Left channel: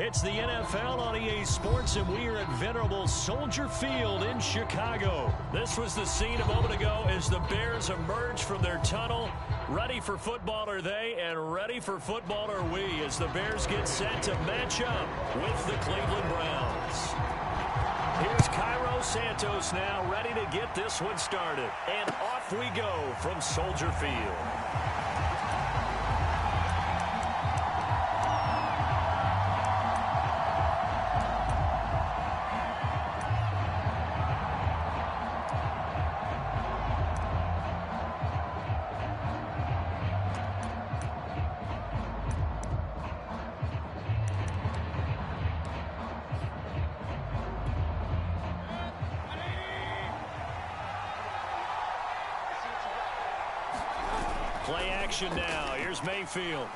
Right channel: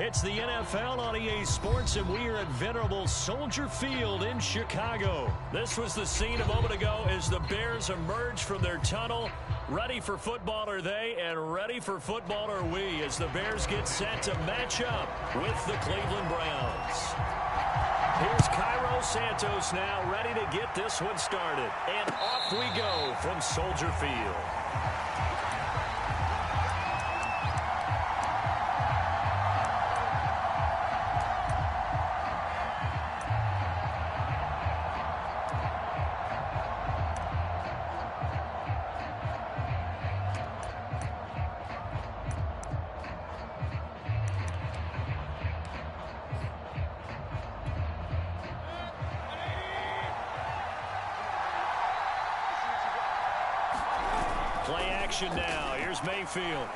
It's the NFL on EA Sports, and we are at venerable Soldier Field in Chicago. This was the scene a moment ago as the Bears emerged from their tunnel. Ready for football are they, and ready for football are we, as the Bears get set to match up with the Cleveland Browns. Here's Cairo Santos now, ready to get this one started. And off we go from Soldier Field. Play action now. Here's Mayfield.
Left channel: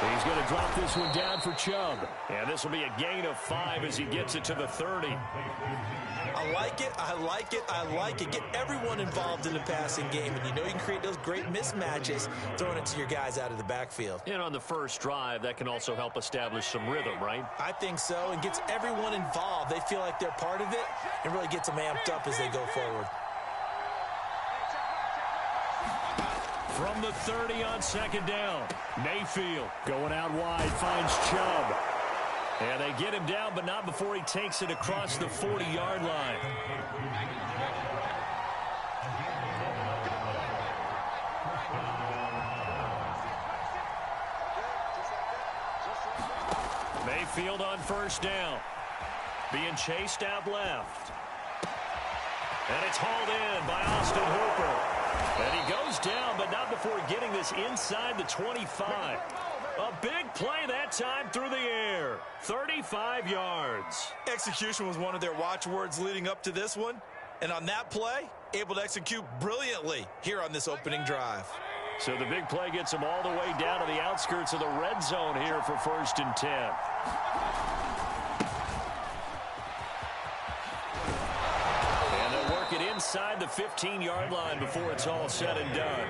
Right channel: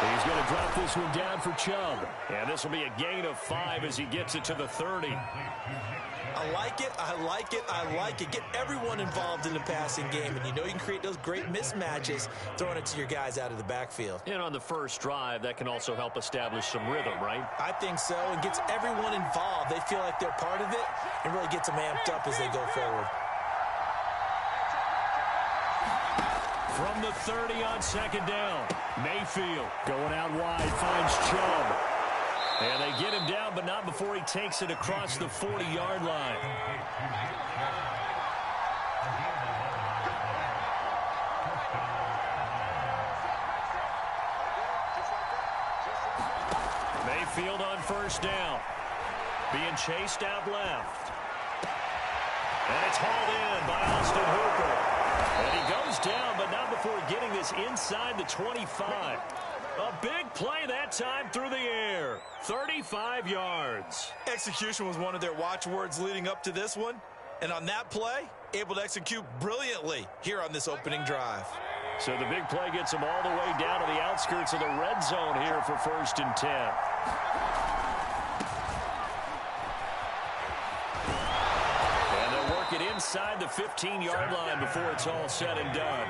He's going to drop this one down for Chubb. And this will be a gain of 5 as he gets it to the 30. I like it. I like it. I like it. Get everyone involved in the passing game. And you know you can create those great mismatches throwing it to your guys out of the backfield. And on the first drive, that can also help establish some rhythm, right? I think so. And gets everyone involved. They feel like they're part of it and really gets them amped up as they go forward. From the 30 on second down, Mayfield going out wide, finds Chubb. And they get him down, but not before he takes it across the 40-yard line. Mayfield on first down, being chased out left. And it's hauled in by Austin Hooper. And he goes down, but not before getting this inside the 25. A big play that time through the air. 35 yards. Execution was one of their watchwords leading up to this one. And on that play, able to execute brilliantly here on this opening drive. So the big play gets them all the way down to the outskirts of the red zone here for 1st and 10. It inside the 15-yard line before it's all said and done.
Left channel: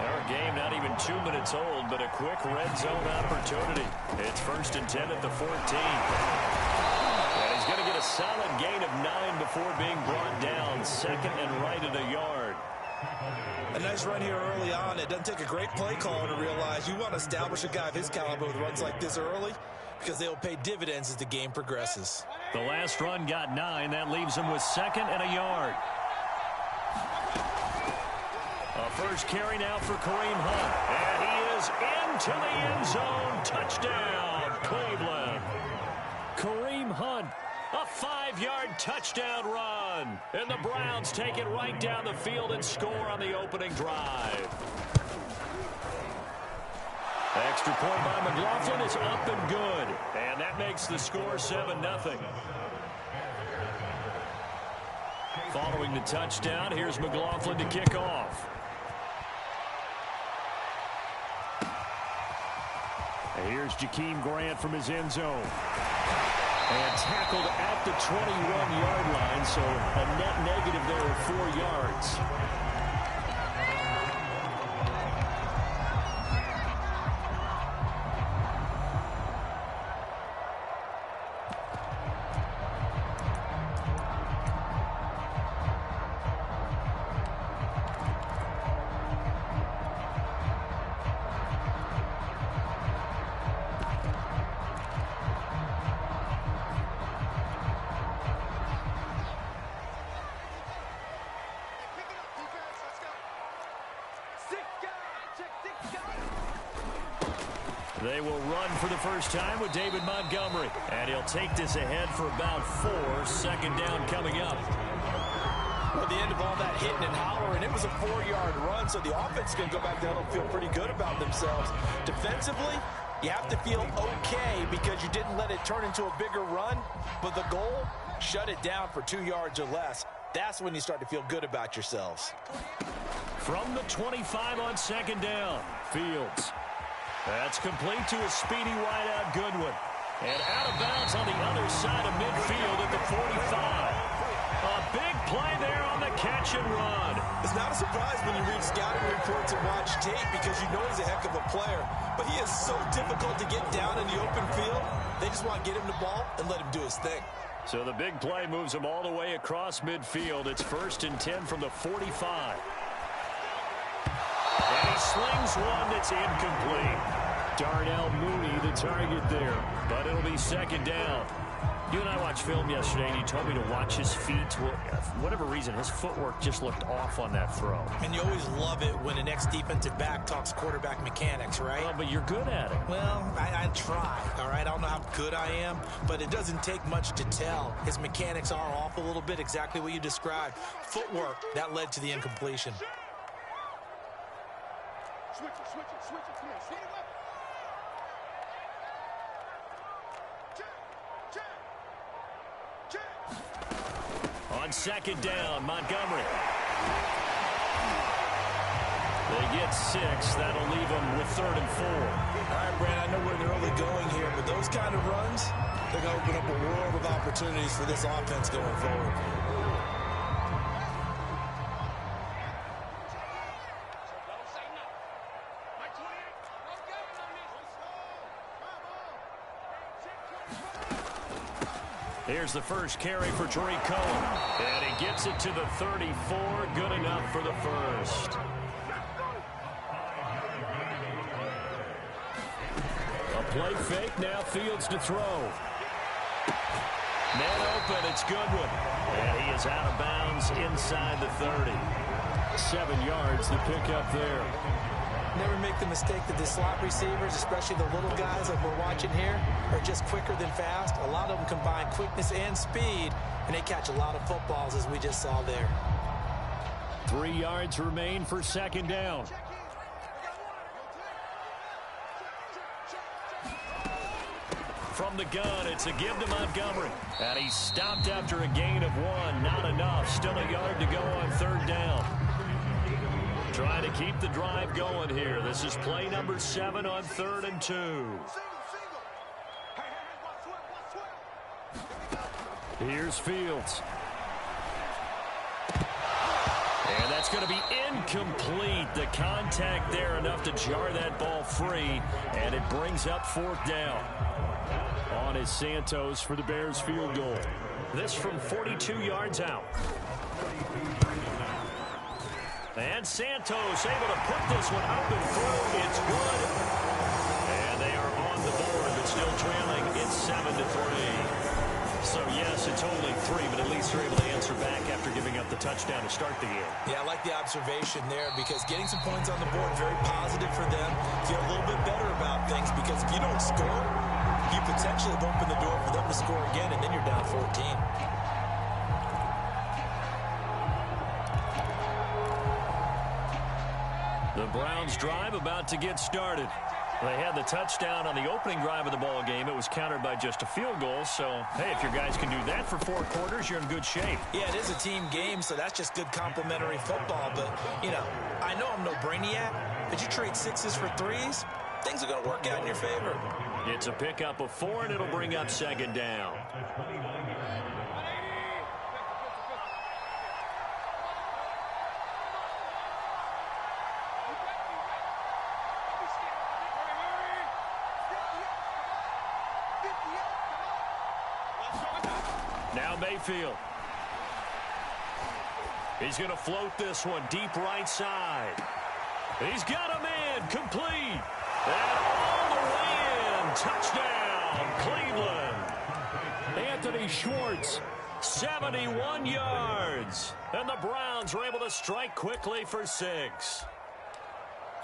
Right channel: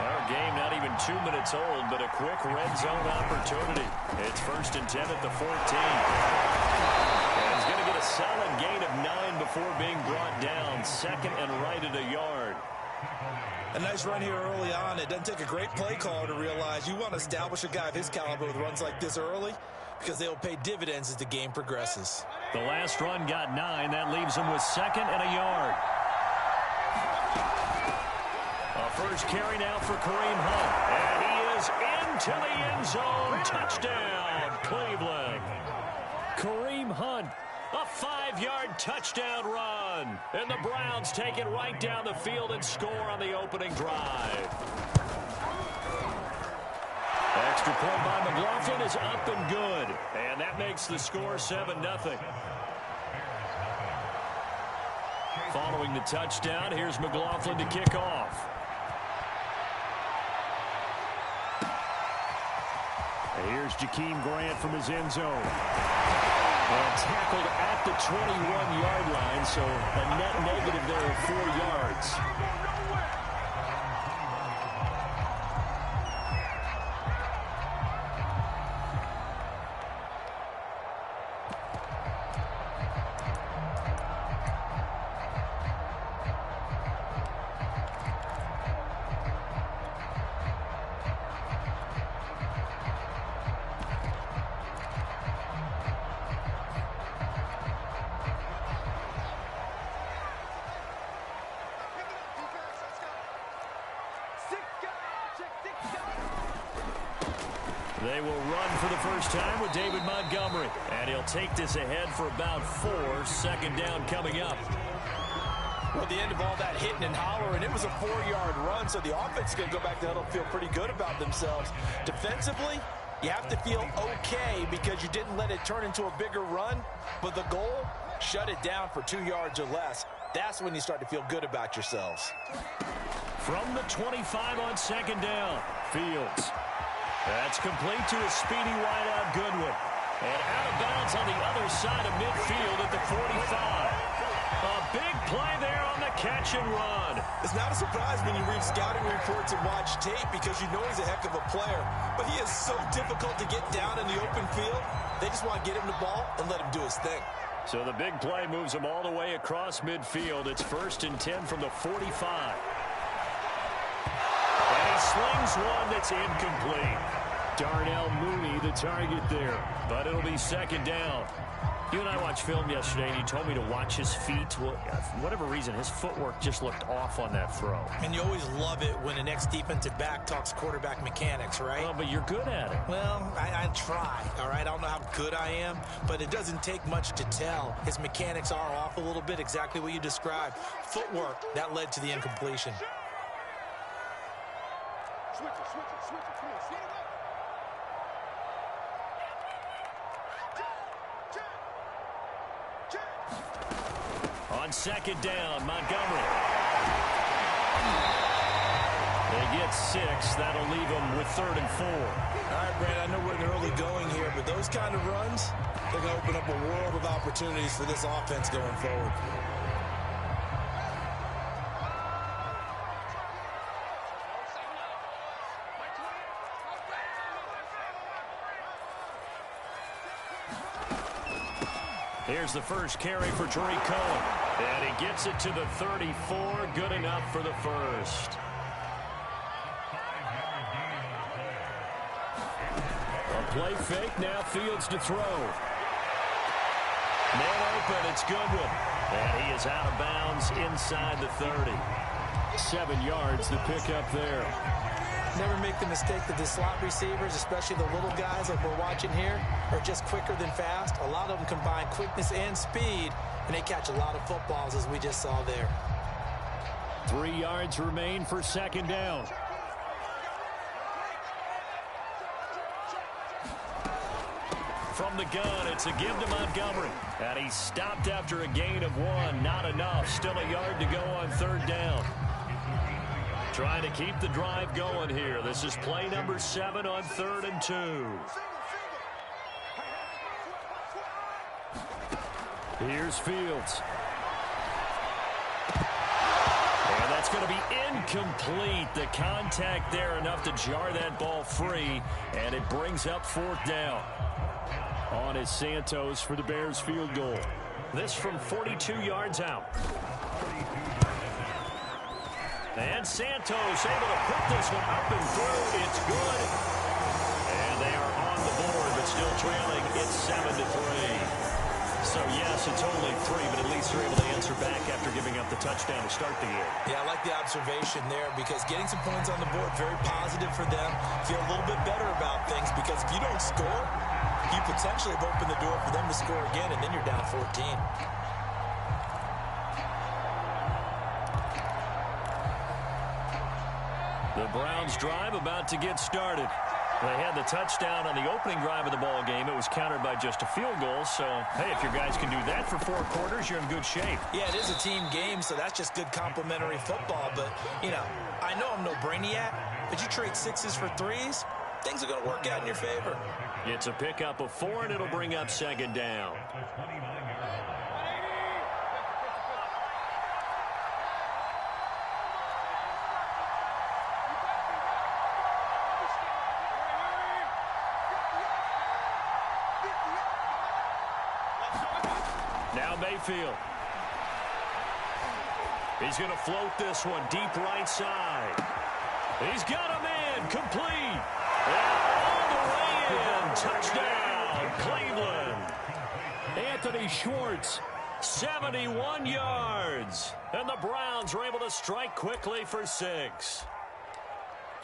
Our game not even 2 minutes old, but a quick red zone opportunity. It's 1st and 10 at the 14. And he's going to get a solid gain of 9 before being brought down. 2nd and right at a yard. A nice run here early on. It doesn't take a great play caller to realize you want to establish a guy of his caliber with runs like this early, because they'll pay dividends as the game progresses. The last run got 9. That leaves him with 2nd and a yard. A first carry now for Kareem Hunt. And he is into the end zone. Touchdown, Cleveland. Kareem Hunt, a 5-yard touchdown run. And the Browns take it right down the field and score on the opening drive. Extra point by McLaughlin is up and good. And that makes the score 7-0. Following the touchdown, here's McLaughlin to kick off. And here's Jakeem Grant from his end zone. And tackled at the 21-yard line, so a net negative there of 4 yards. They will run for the first time with David Montgomery. And he'll take this ahead for about 4. 2nd down coming up. Well, the end of all that hitting and hollering, it was a 4-yard run, so the offense is going to go back to huddle and feel pretty good about themselves. Defensively, you have to feel okay because you didn't let it turn into a bigger run. But the goal, shut it down for 2 yards or less. That's when you start to feel good about yourselves. From the 25 on 2nd down, Fields. That's complete to a speedy wideout Goodwin. And out of bounds on the other side of midfield at the 45. A big play there on the catch and run. It's not a surprise when you read scouting reports and watch tape because you know he's a heck of a player. But he is so difficult to get down in the open field. They just want to get him the ball and let him do his thing. So the big play moves him all the way across midfield. It's 1st and 10 from the 45. And he slings one that's incomplete. Darnell Mooney, the target there. But it'll be 2nd down. You and I watched film yesterday, and you told me to watch his feet. Well, for whatever reason, his footwork just looked off on that throw. And you always love it when the next defensive back talks quarterback mechanics, right? Well, but you're good at it. Well, I try, all right? I don't know how good I am, but it doesn't take much to tell. His mechanics are off a little bit, exactly what you described. Footwork, that led to the incompletion. Switch it. Come on, swing it up. On 2nd down, Montgomery. They get 6. That'll leave them with 3rd and 4. All right, Brad, I know we're in the early going here, but those kind of runs, they're going to open up a world of opportunities for this offense going forward. Here's the first carry for Tariq Cohen. And he gets it to the 34. Good enough for the first. A play fake. Now Fields to throw. Man open. It's Goodwin. And he is out of bounds inside the 30. 7 yards to pick up there. Never make the mistake that the slot receivers, especially the little guys like we're watching here, are just quicker than fast. A lot of them combine quickness and speed, and they catch a lot of footballs, as we just saw there. 3 yards remain for 2nd down. From the gun, it's a give to Montgomery. And he's stopped after a gain of 1. Not enough. Still a yard to go on 3rd down. Trying to keep the drive going here. This is play number 7 on 3rd and 2. Here's Fields. And that's going to be incomplete. The contact there enough to jar that ball free. And it brings up 4th down. On is Santos for the Bears field goal. This from 42 yards out. And Santos able to put this one up and through. It's good. And they are on the board, but still trailing. It's 7-3. So, yes, it's only 3, but at least they're able to answer back after giving up the touchdown to start the game. Yeah, I like the observation there because getting some points on the board, very positive for them. Feel a little bit better about things because if you don't score, you potentially have opened the door for them to score again, and then you're down 14. The Browns drive about to get started. They had the touchdown on the opening drive of the ball game. It was countered by just a field goal. So, hey, if your guys can do that for 4 quarters, you're in good shape. Yeah, it is a team game, so that's just good complimentary football. But, you know, I know I'm no brainiac, but you trade 6s for 3s, things are going to work out in your favor. It's a pickup of 4, and it'll bring up 2nd down. Now Mayfield. He's going to float this one deep right side. He's got a man complete. And all the way in. Touchdown, Cleveland. Anthony Schwartz, 71 yards. And the Browns were able to strike quickly for 6.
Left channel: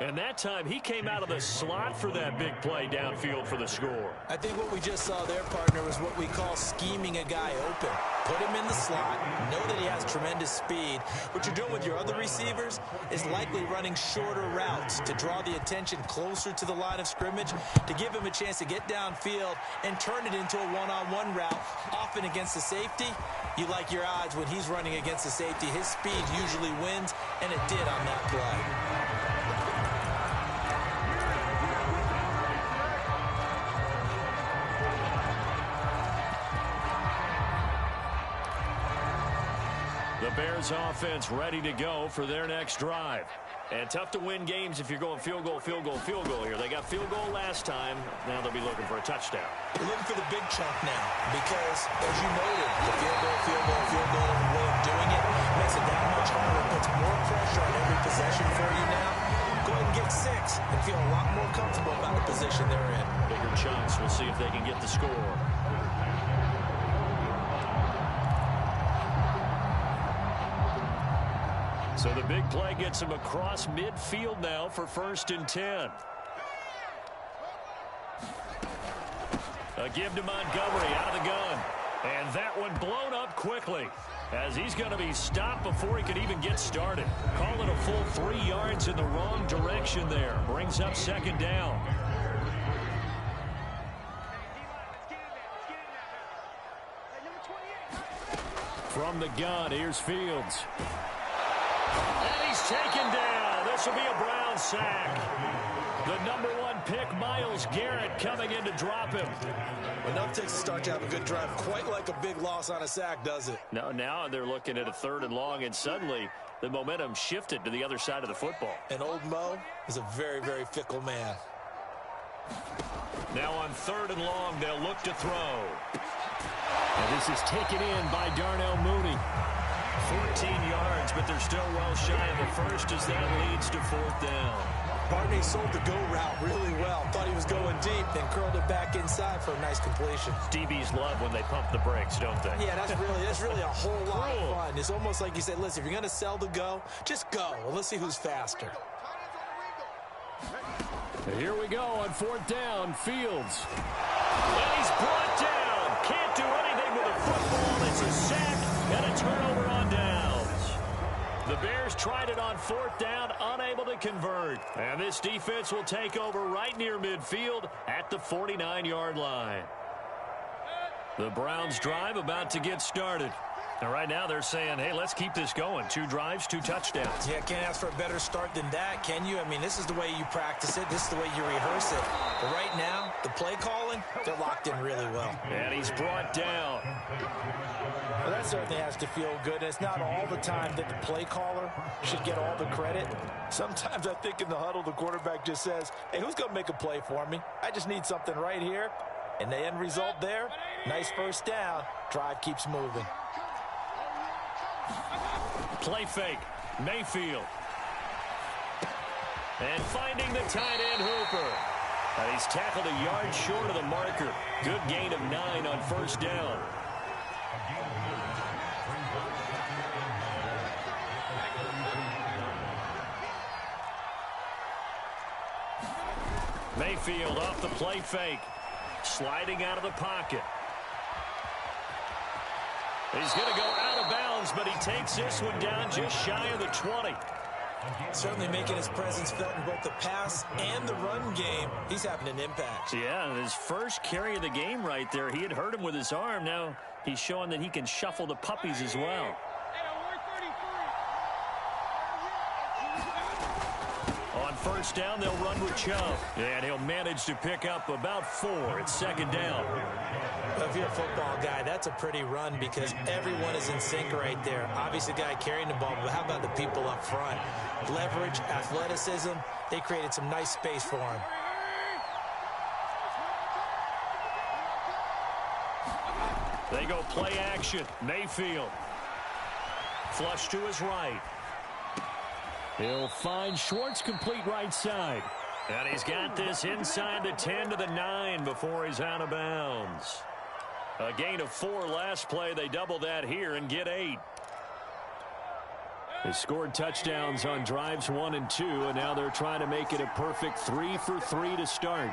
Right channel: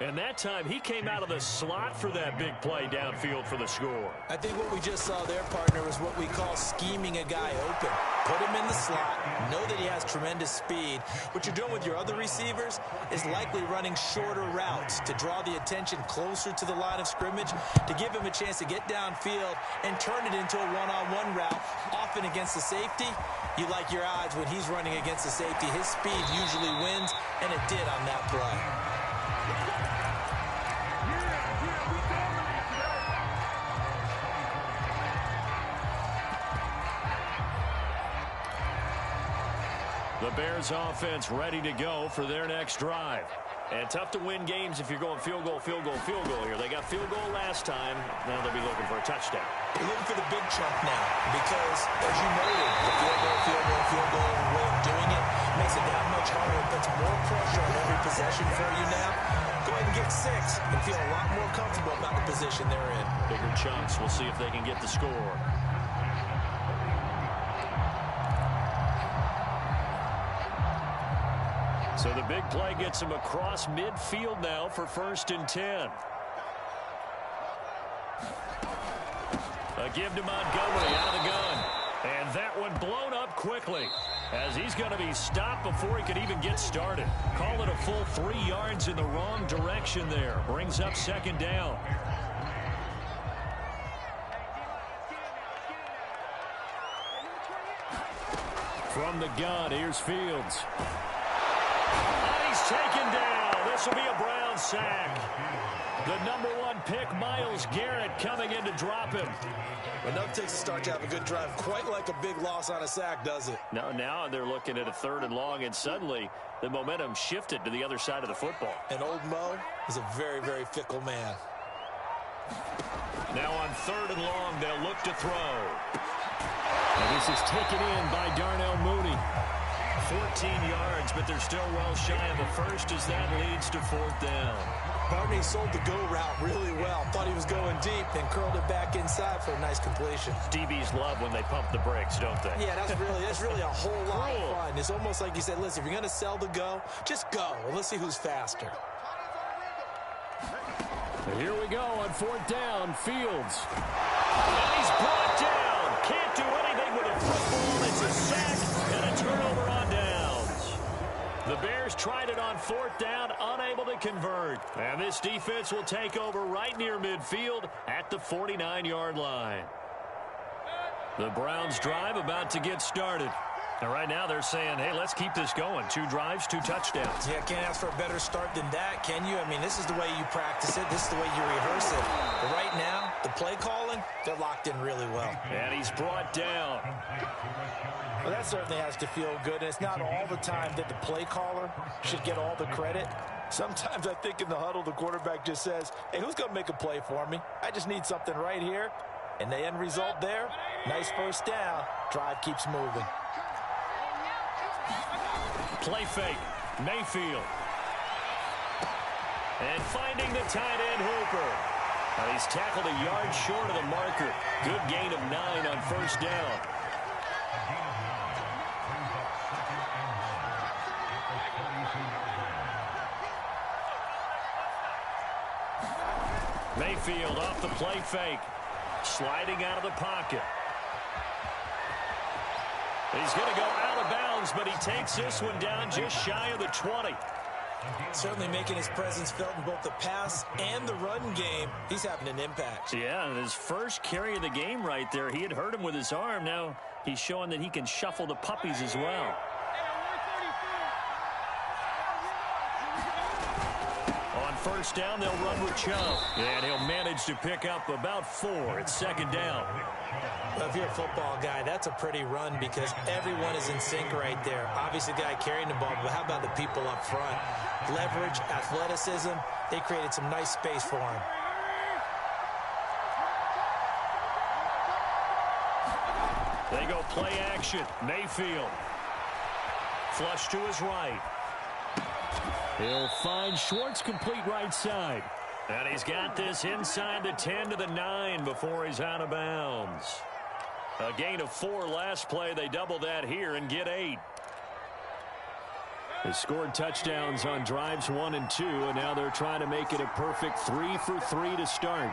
And that time, he came out of the slot for that big play downfield for the score. I think what we just saw there, partner, is what we call scheming a guy open. Put him in the slot, know that he has tremendous speed. What you're doing with your other receivers is likely running shorter routes to draw the attention closer to the line of scrimmage, to give him a chance to get downfield and turn it into a one-on-one route, often against the safety. You like your odds when he's running against the safety. His speed usually wins, and it did on that play. The Bears offense ready to go for their next drive. And tough to win games if you're going field goal, field goal, field goal here. They got field goal last time. Now they'll be looking for a touchdown. You're looking for the big chunk now because, as you noted, the field goal, field goal, field goal way of doing it makes it that much harder. It puts more pressure on every possession for you now. Go ahead and get 6 and feel a lot more comfortable about the position they're in. Bigger chunks. We'll see if they can get the score. So the big play gets him across midfield now for 1st and 10. A give to Montgomery out of the gun. And that one blown up quickly as he's going to be stopped before he could even get started. Call it a full 3 yards in the wrong direction there. Brings up 2nd down. From the gun, here's Fields. And he's taken down. This will be a Brown sack. The #1 pick, Myles Garrett, coming in to drop him. Enough takes a start to have a good drive. Quite like a big loss on a sack, does it? No, now they're looking at a 3rd and long, and suddenly the momentum shifted to the other side of the football. And old Mo is a very, very fickle man. Now on 3rd and long, they'll look to throw. And this is taken in by Darnell Mooney. 14 yards, but they're still well shy of a first as that leads to 4th down. Barney sold the go route really well. Thought he was going deep, then curled it back inside for a nice completion. DBs love when they pump the brakes, don't they? Yeah, that's really a whole lot of fun. It's almost like you said, listen, if you're going to sell the go, just go. Well, let's see who's faster. Here we go on 4th down. Fields. And he's brought down. Can't do anything with a football. It's a sack and a turnover on downs. The Bears tried it on 4th down, unable to convert. And this defense will take over right near midfield at the 49-yard line. The Browns drive about to get started. And right now they're saying, hey, let's keep this going. 2 drives, 2 touchdowns. Yeah, can't ask for a better start than that, can you? I mean, this is the way you practice it. This is the way you rehearse it. But right now, the play calling, they're locked in really well. And he's brought down. Well, that certainly has to feel good. And it's not all the time that the play caller should get all the credit. Sometimes I think in the huddle, the quarterback just says, hey, who's going to make a play for me? I just need something right here. And the end result there, nice 1st down. Drive keeps moving. Play fake. Mayfield. And finding the tight end, Hooper. And he's tackled a yard short of the marker. Good gain of 9 on 1st down. Mayfield off the play fake. Sliding out of the pocket. He's going to go out of bounds, but he takes this one down just shy of the 20. Certainly making his presence felt in both the pass and the run game. He's having an impact. Yeah, and his first carry of the game right there, he had hurt him with his arm. Now he's showing that he can shuffle the puppies as well. On 1st down, they'll run with Chubb. And he'll manage to pick up about 4. It's 2nd down. Well, if you're a football guy, that's a pretty run because everyone is in sync right there. Obviously, the guy carrying the ball, but how about the people up front? Leverage, athleticism, they created some nice space for him. They go play action. Mayfield. Flush to his right. He'll find Schwartz complete right side. And he's got this inside the 10 to the 9 before he's out of bounds. A gain of 4 last play. They double that here and get 8. They scored touchdowns on drives 1 and 2, and now they're trying to make it a perfect 3 for 3 to start.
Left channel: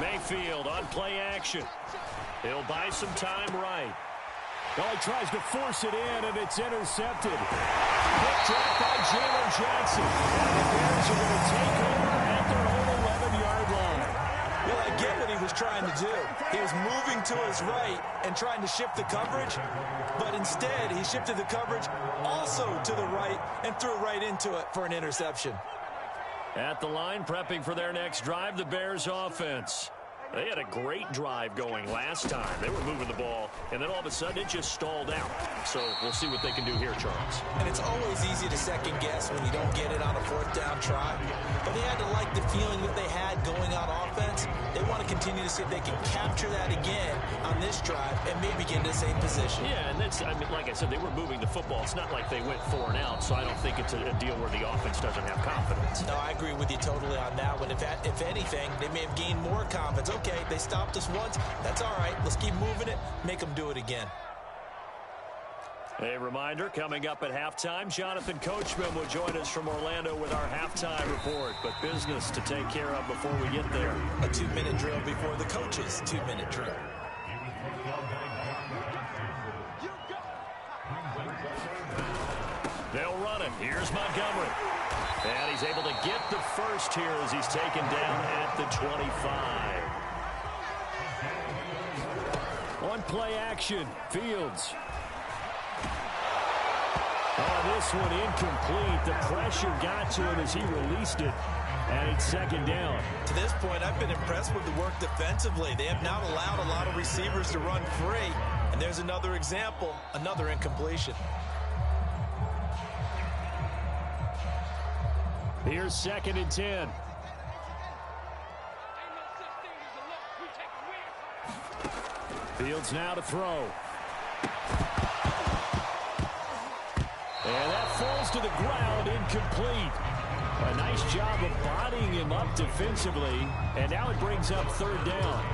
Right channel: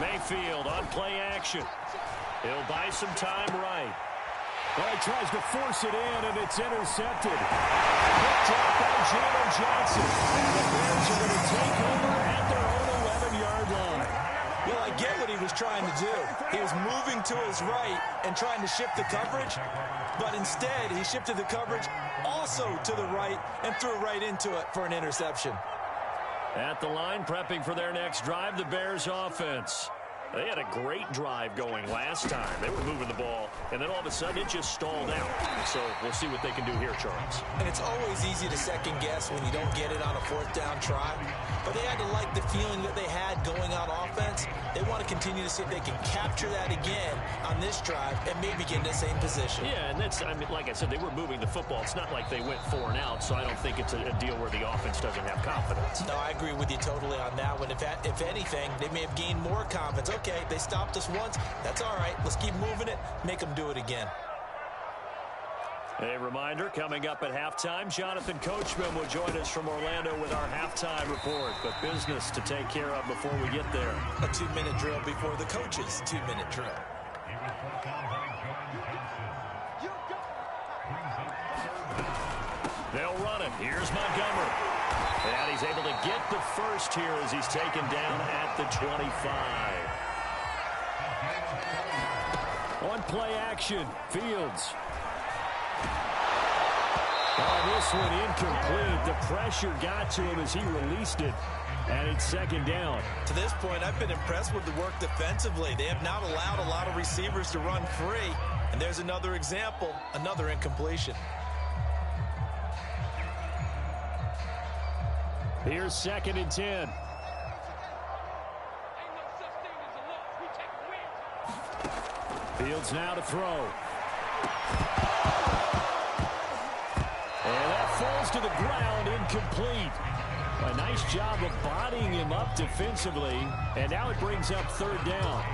Mayfield on play action. He'll buy some time right. Oh, he tries to force it in, and it's intercepted. Picked up by Jalen Jackson. And the Bears are going to take over at their own 11-yard line. Well, I get what he was trying to do. He was moving to his right and trying to shift the coverage, but instead he shifted the coverage also to the right and threw right into it for an interception. At the line, prepping for their next drive, the Bears offense. They had a great drive going last time. They were moving the ball, and then all of a sudden it just stalled out. So we'll see what they can do here, Charles. And it's always easy to second guess when you don't get it on a fourth down try. But they had to like the feeling that they had going on offense. They want to continue to see if they can capture that again on this drive and maybe get in the same position. Yeah, and that's, I mean, like I said, they were moving the football. It's not like they went 4 and out, so I don't think it's a deal where the offense doesn't have confidence. No, I agree with you totally on that one. If anything, they may have gained more confidence. Okay, they stopped us once. That's all right. Let's keep moving it. Make them do it again. A reminder, coming up at halftime, Jonathan Coachman will join us from Orlando with our halftime report. But business to take care of before we get there. A 2-minute drill before the coach's 2-minute drill. They'll run it. Here's Montgomery. And he's able to get the first here as he's taken down at the 25. On play action, Fields. On this one, incomplete. The pressure got to him as he released it, and it's second down. To this point, I've been impressed with the work defensively. They have not allowed a lot of receivers to run free, and there's another example, another incompletion. Here's 2nd and 10. Fields now to throw. And that falls to the ground, incomplete. A nice job of bodying him up defensively, and now it brings up 3rd down.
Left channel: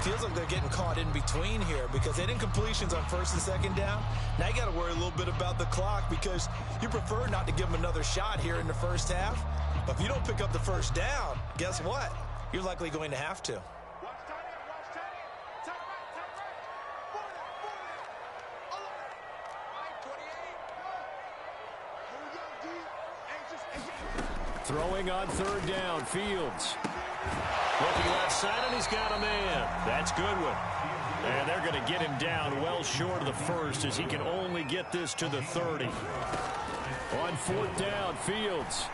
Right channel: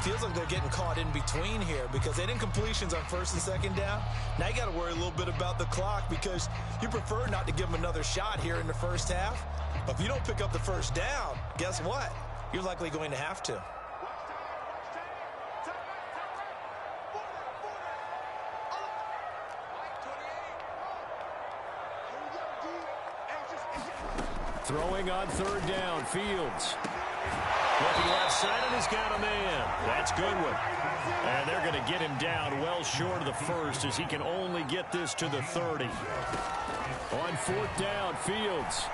Feels like they're getting caught in between here because they had incompletions on 1st and 2nd down. Now you got to worry a little bit about the clock because you prefer not to give them another shot here in the first half. But if you don't pick up the 1st down, guess what? You're likely going to have to. Throwing on 3rd down, Fields. Looking left side, and he's got a man. That's Goodwin. And they're going to get him down well short of the 1st as he can only get this to the 30. On 4th down, Fields.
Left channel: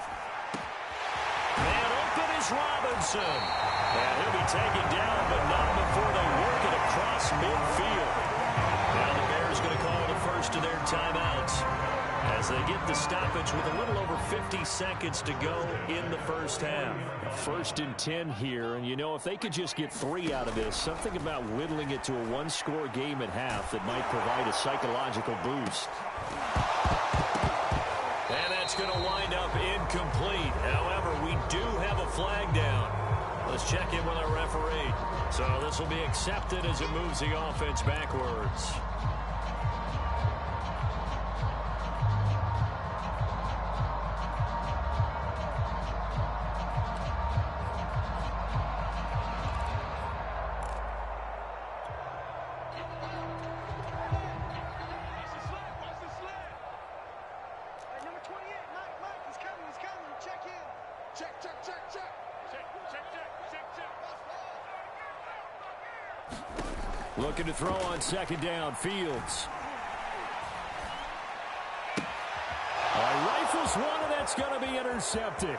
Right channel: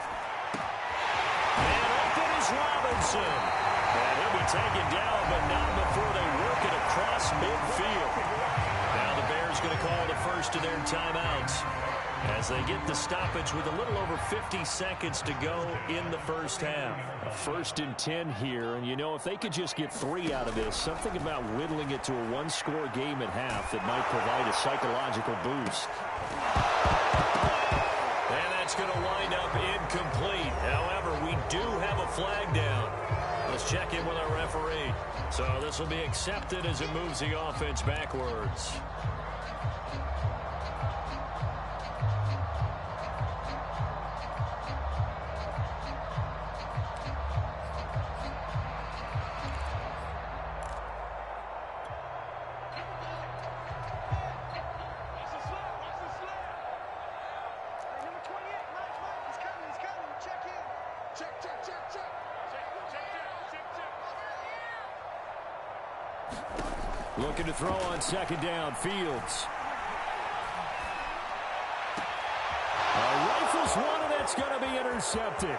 And open is Robinson. And he'll be taken down, but not before they work it across midfield. Now the Bears going to call the first of their timeouts as they get the stoppage with a little over 50 seconds to go in the first half. A 1st and 10 here, and you know, if they could just get 3 out of this, something about whittling it to a 1-score game at half that might provide a psychological boost. And that's going to wind up incomplete. However, we do have a flag down. Let's check in with our referee. So this will be accepted as it moves the offense backwards. Looking to throw on 2nd down, Fields. Rifles one, and that's going to be intercepted.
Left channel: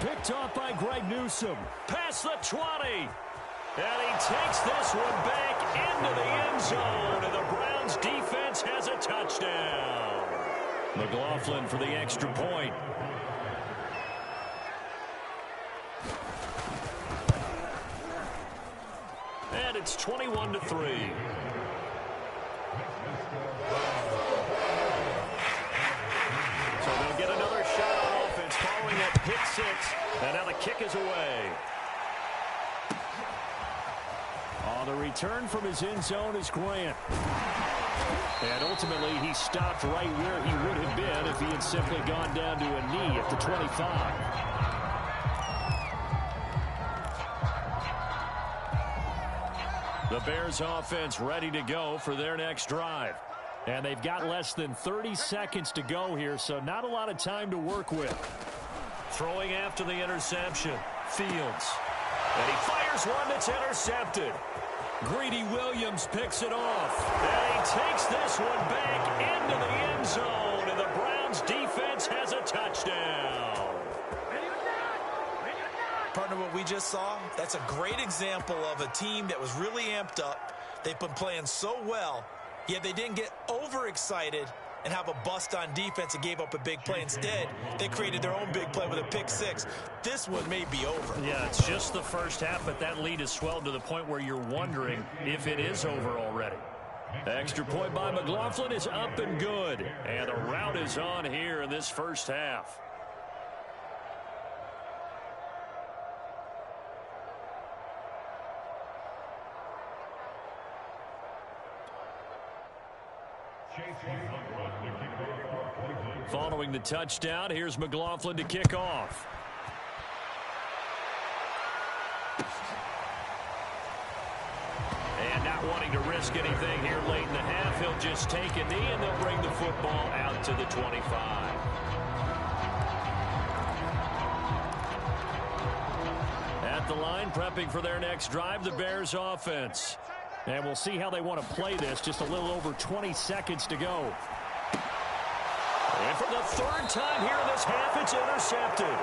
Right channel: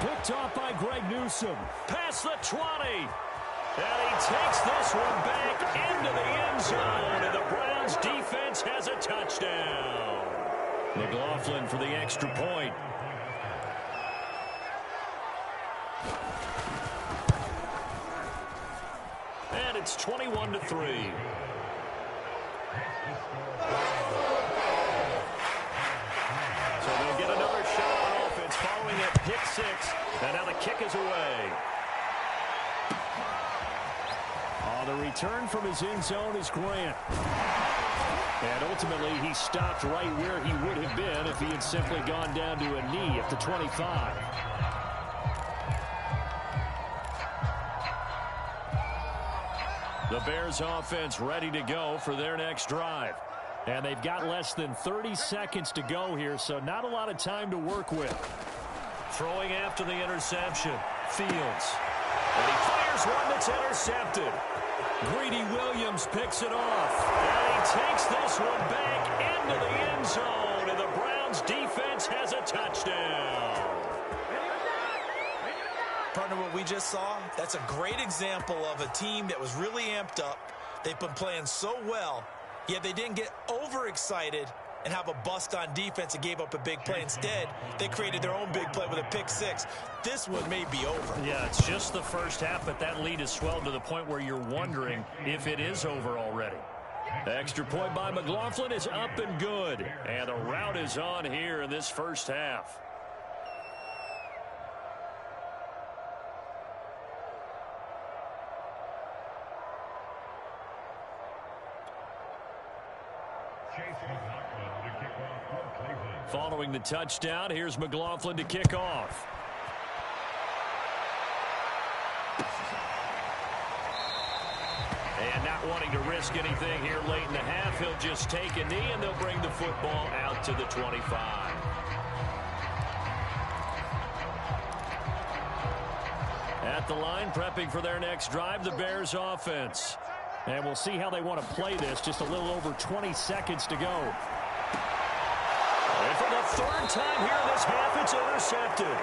Picked off by Greg Newsome. Past the 20. And he takes this one back into the end zone, and the Browns defense has a touchdown. McLaughlin for the extra point. And it's 21-3. So they'll get another shot on offense following that pick 6. And now the kick is away. The return from his end zone is Grant. And ultimately, he stopped right where he would have been if he had simply gone down to a knee at the 25. The Bears offense ready to go for their next drive. And they've got less than 30 seconds to go here, so not a lot of time to work with. Throwing after the interception, Fields. And he fires one that's intercepted. Greedy Williams picks it off. And he takes this one back into the end zone, and the Browns defense has a touchdown. Partner, what we just saw, that's a great example of a team that was really amped up. They've been playing so well, yet they didn't get overexcited and have a bust on defense and gave up a big play. Instead, they created their own big play with a pick six. This one may be over. Yeah, it's just the first half, but that lead has swelled to the point where you're wondering if it is over already. Extra point by McLaughlin is up and good. And the rout is on here in this first half. Following the touchdown, here's McLaughlin to kick off. And not wanting to risk anything here late in the half, he'll just take a knee and they'll bring the football out to the 25. At the line, prepping for their next drive, the Bears offense. And we'll see how they want to play this. Just a little over 20 seconds to go. And for the third time here in this half, it's intercepted.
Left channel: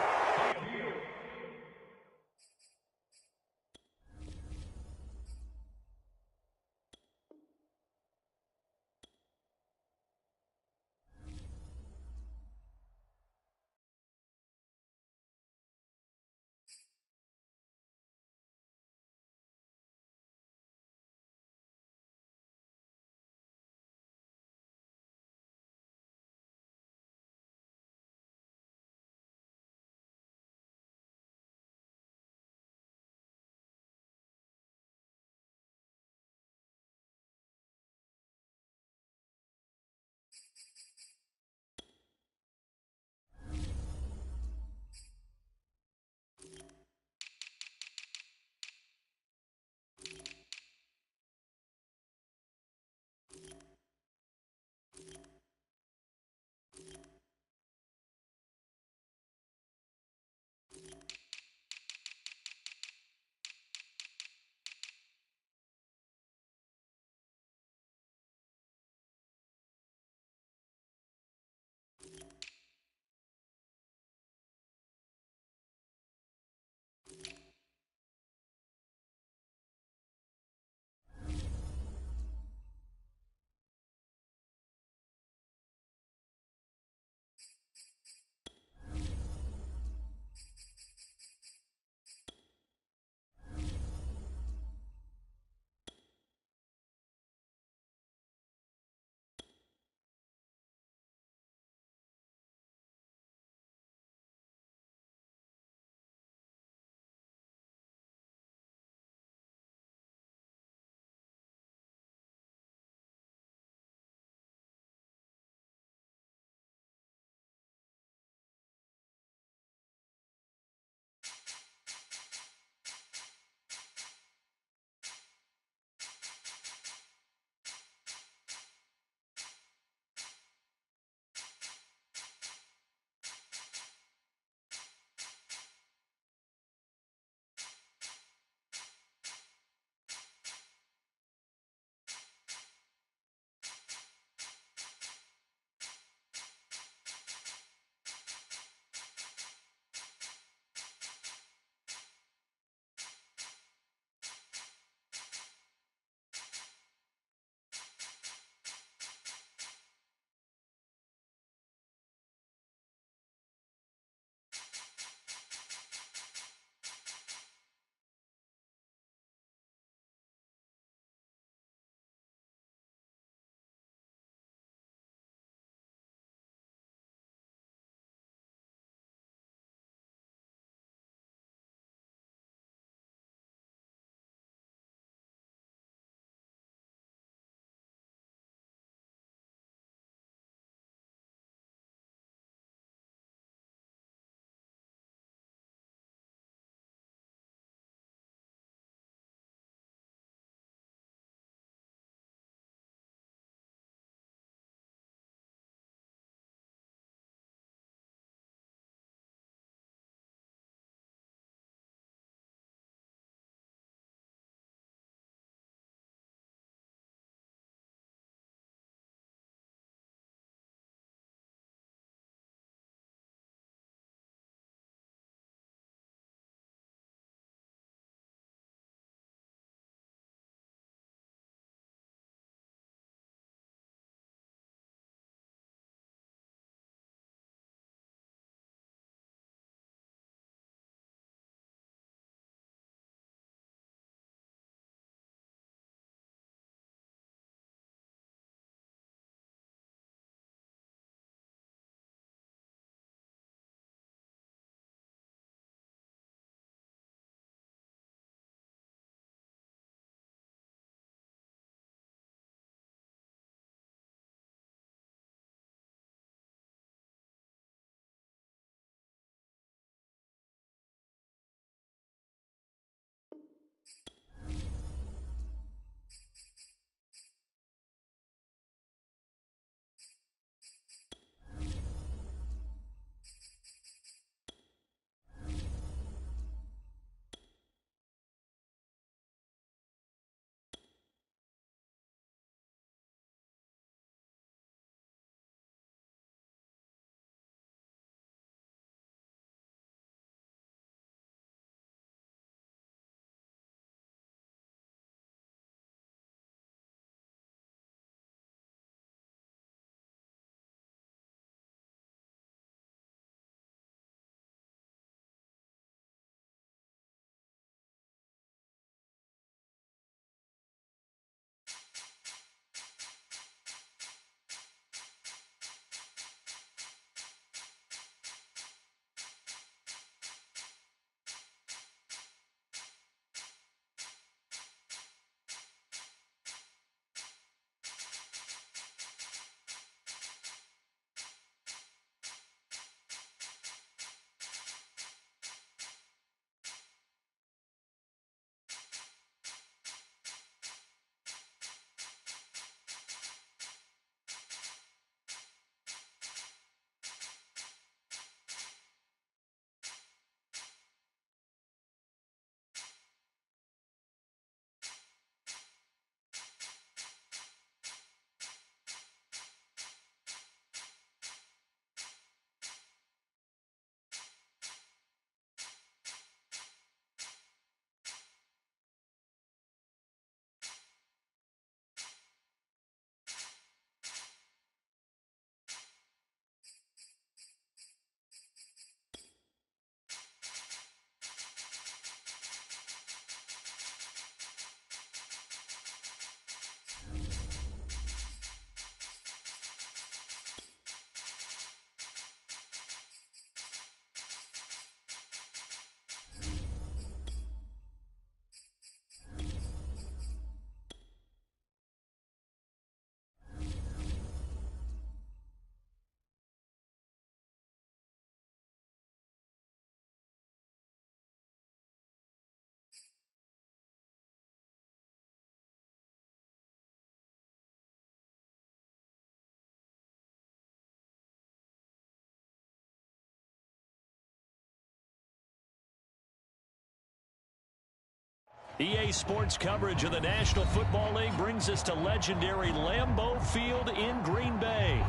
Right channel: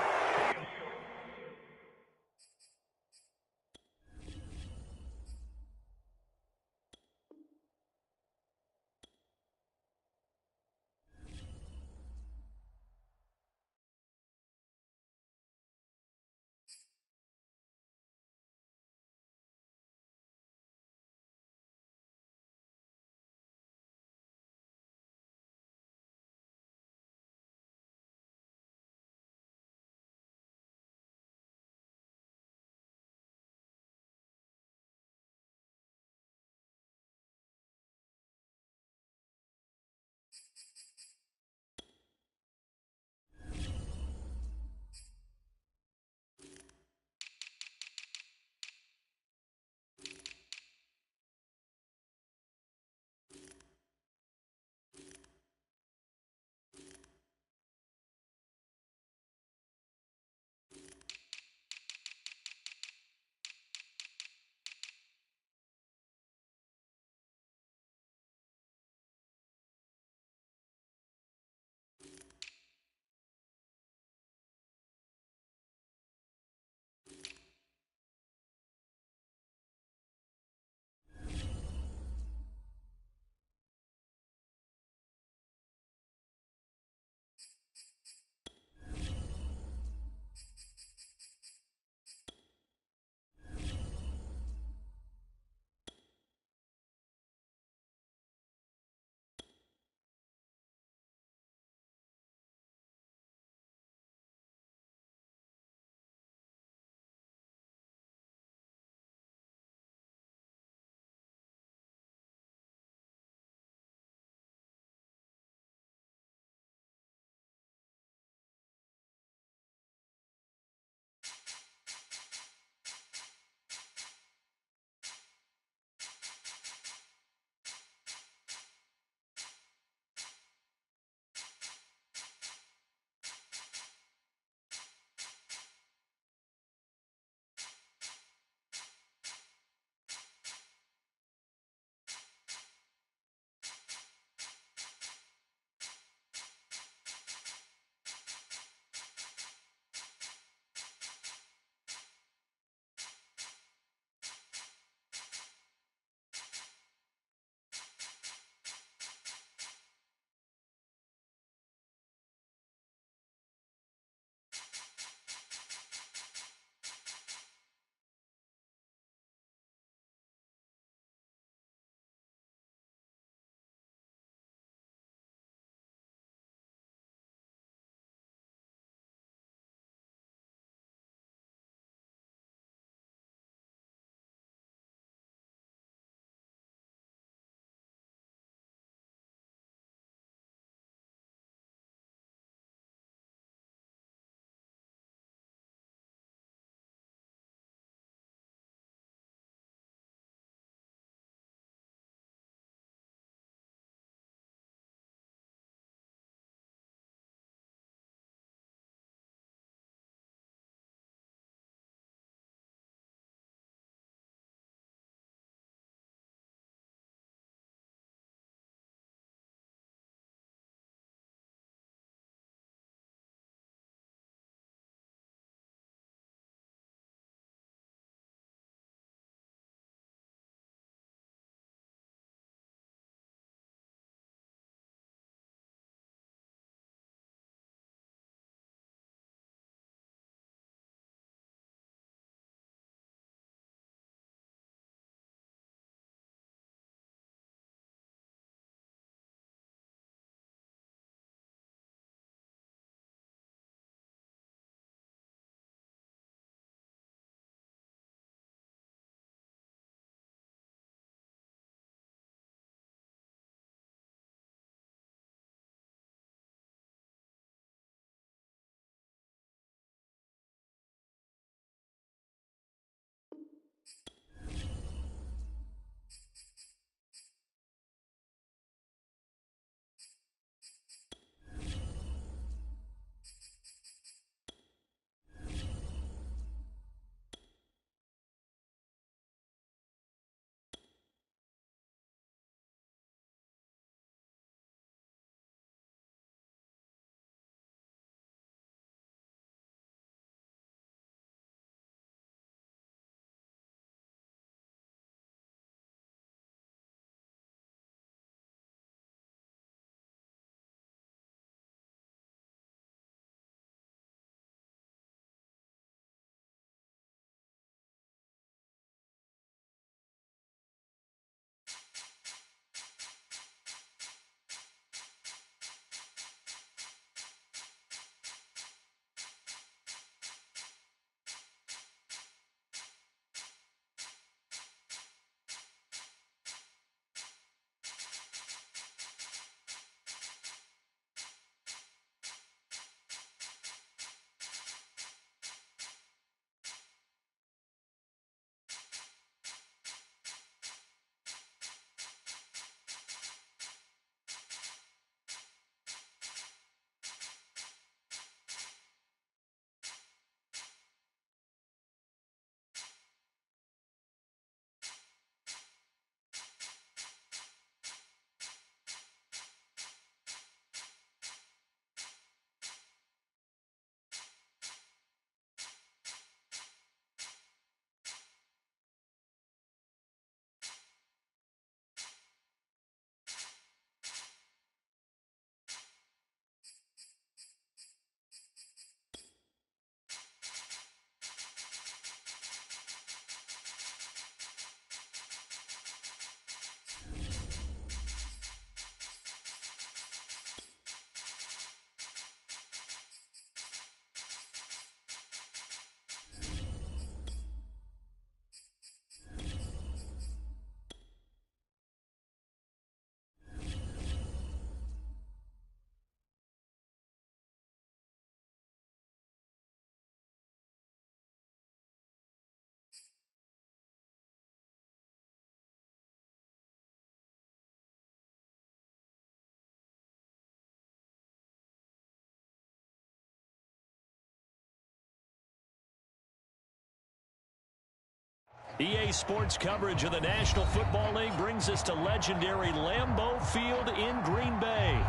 EA Sports coverage of the National Football League brings us to legendary Lambeau Field in Green Bay.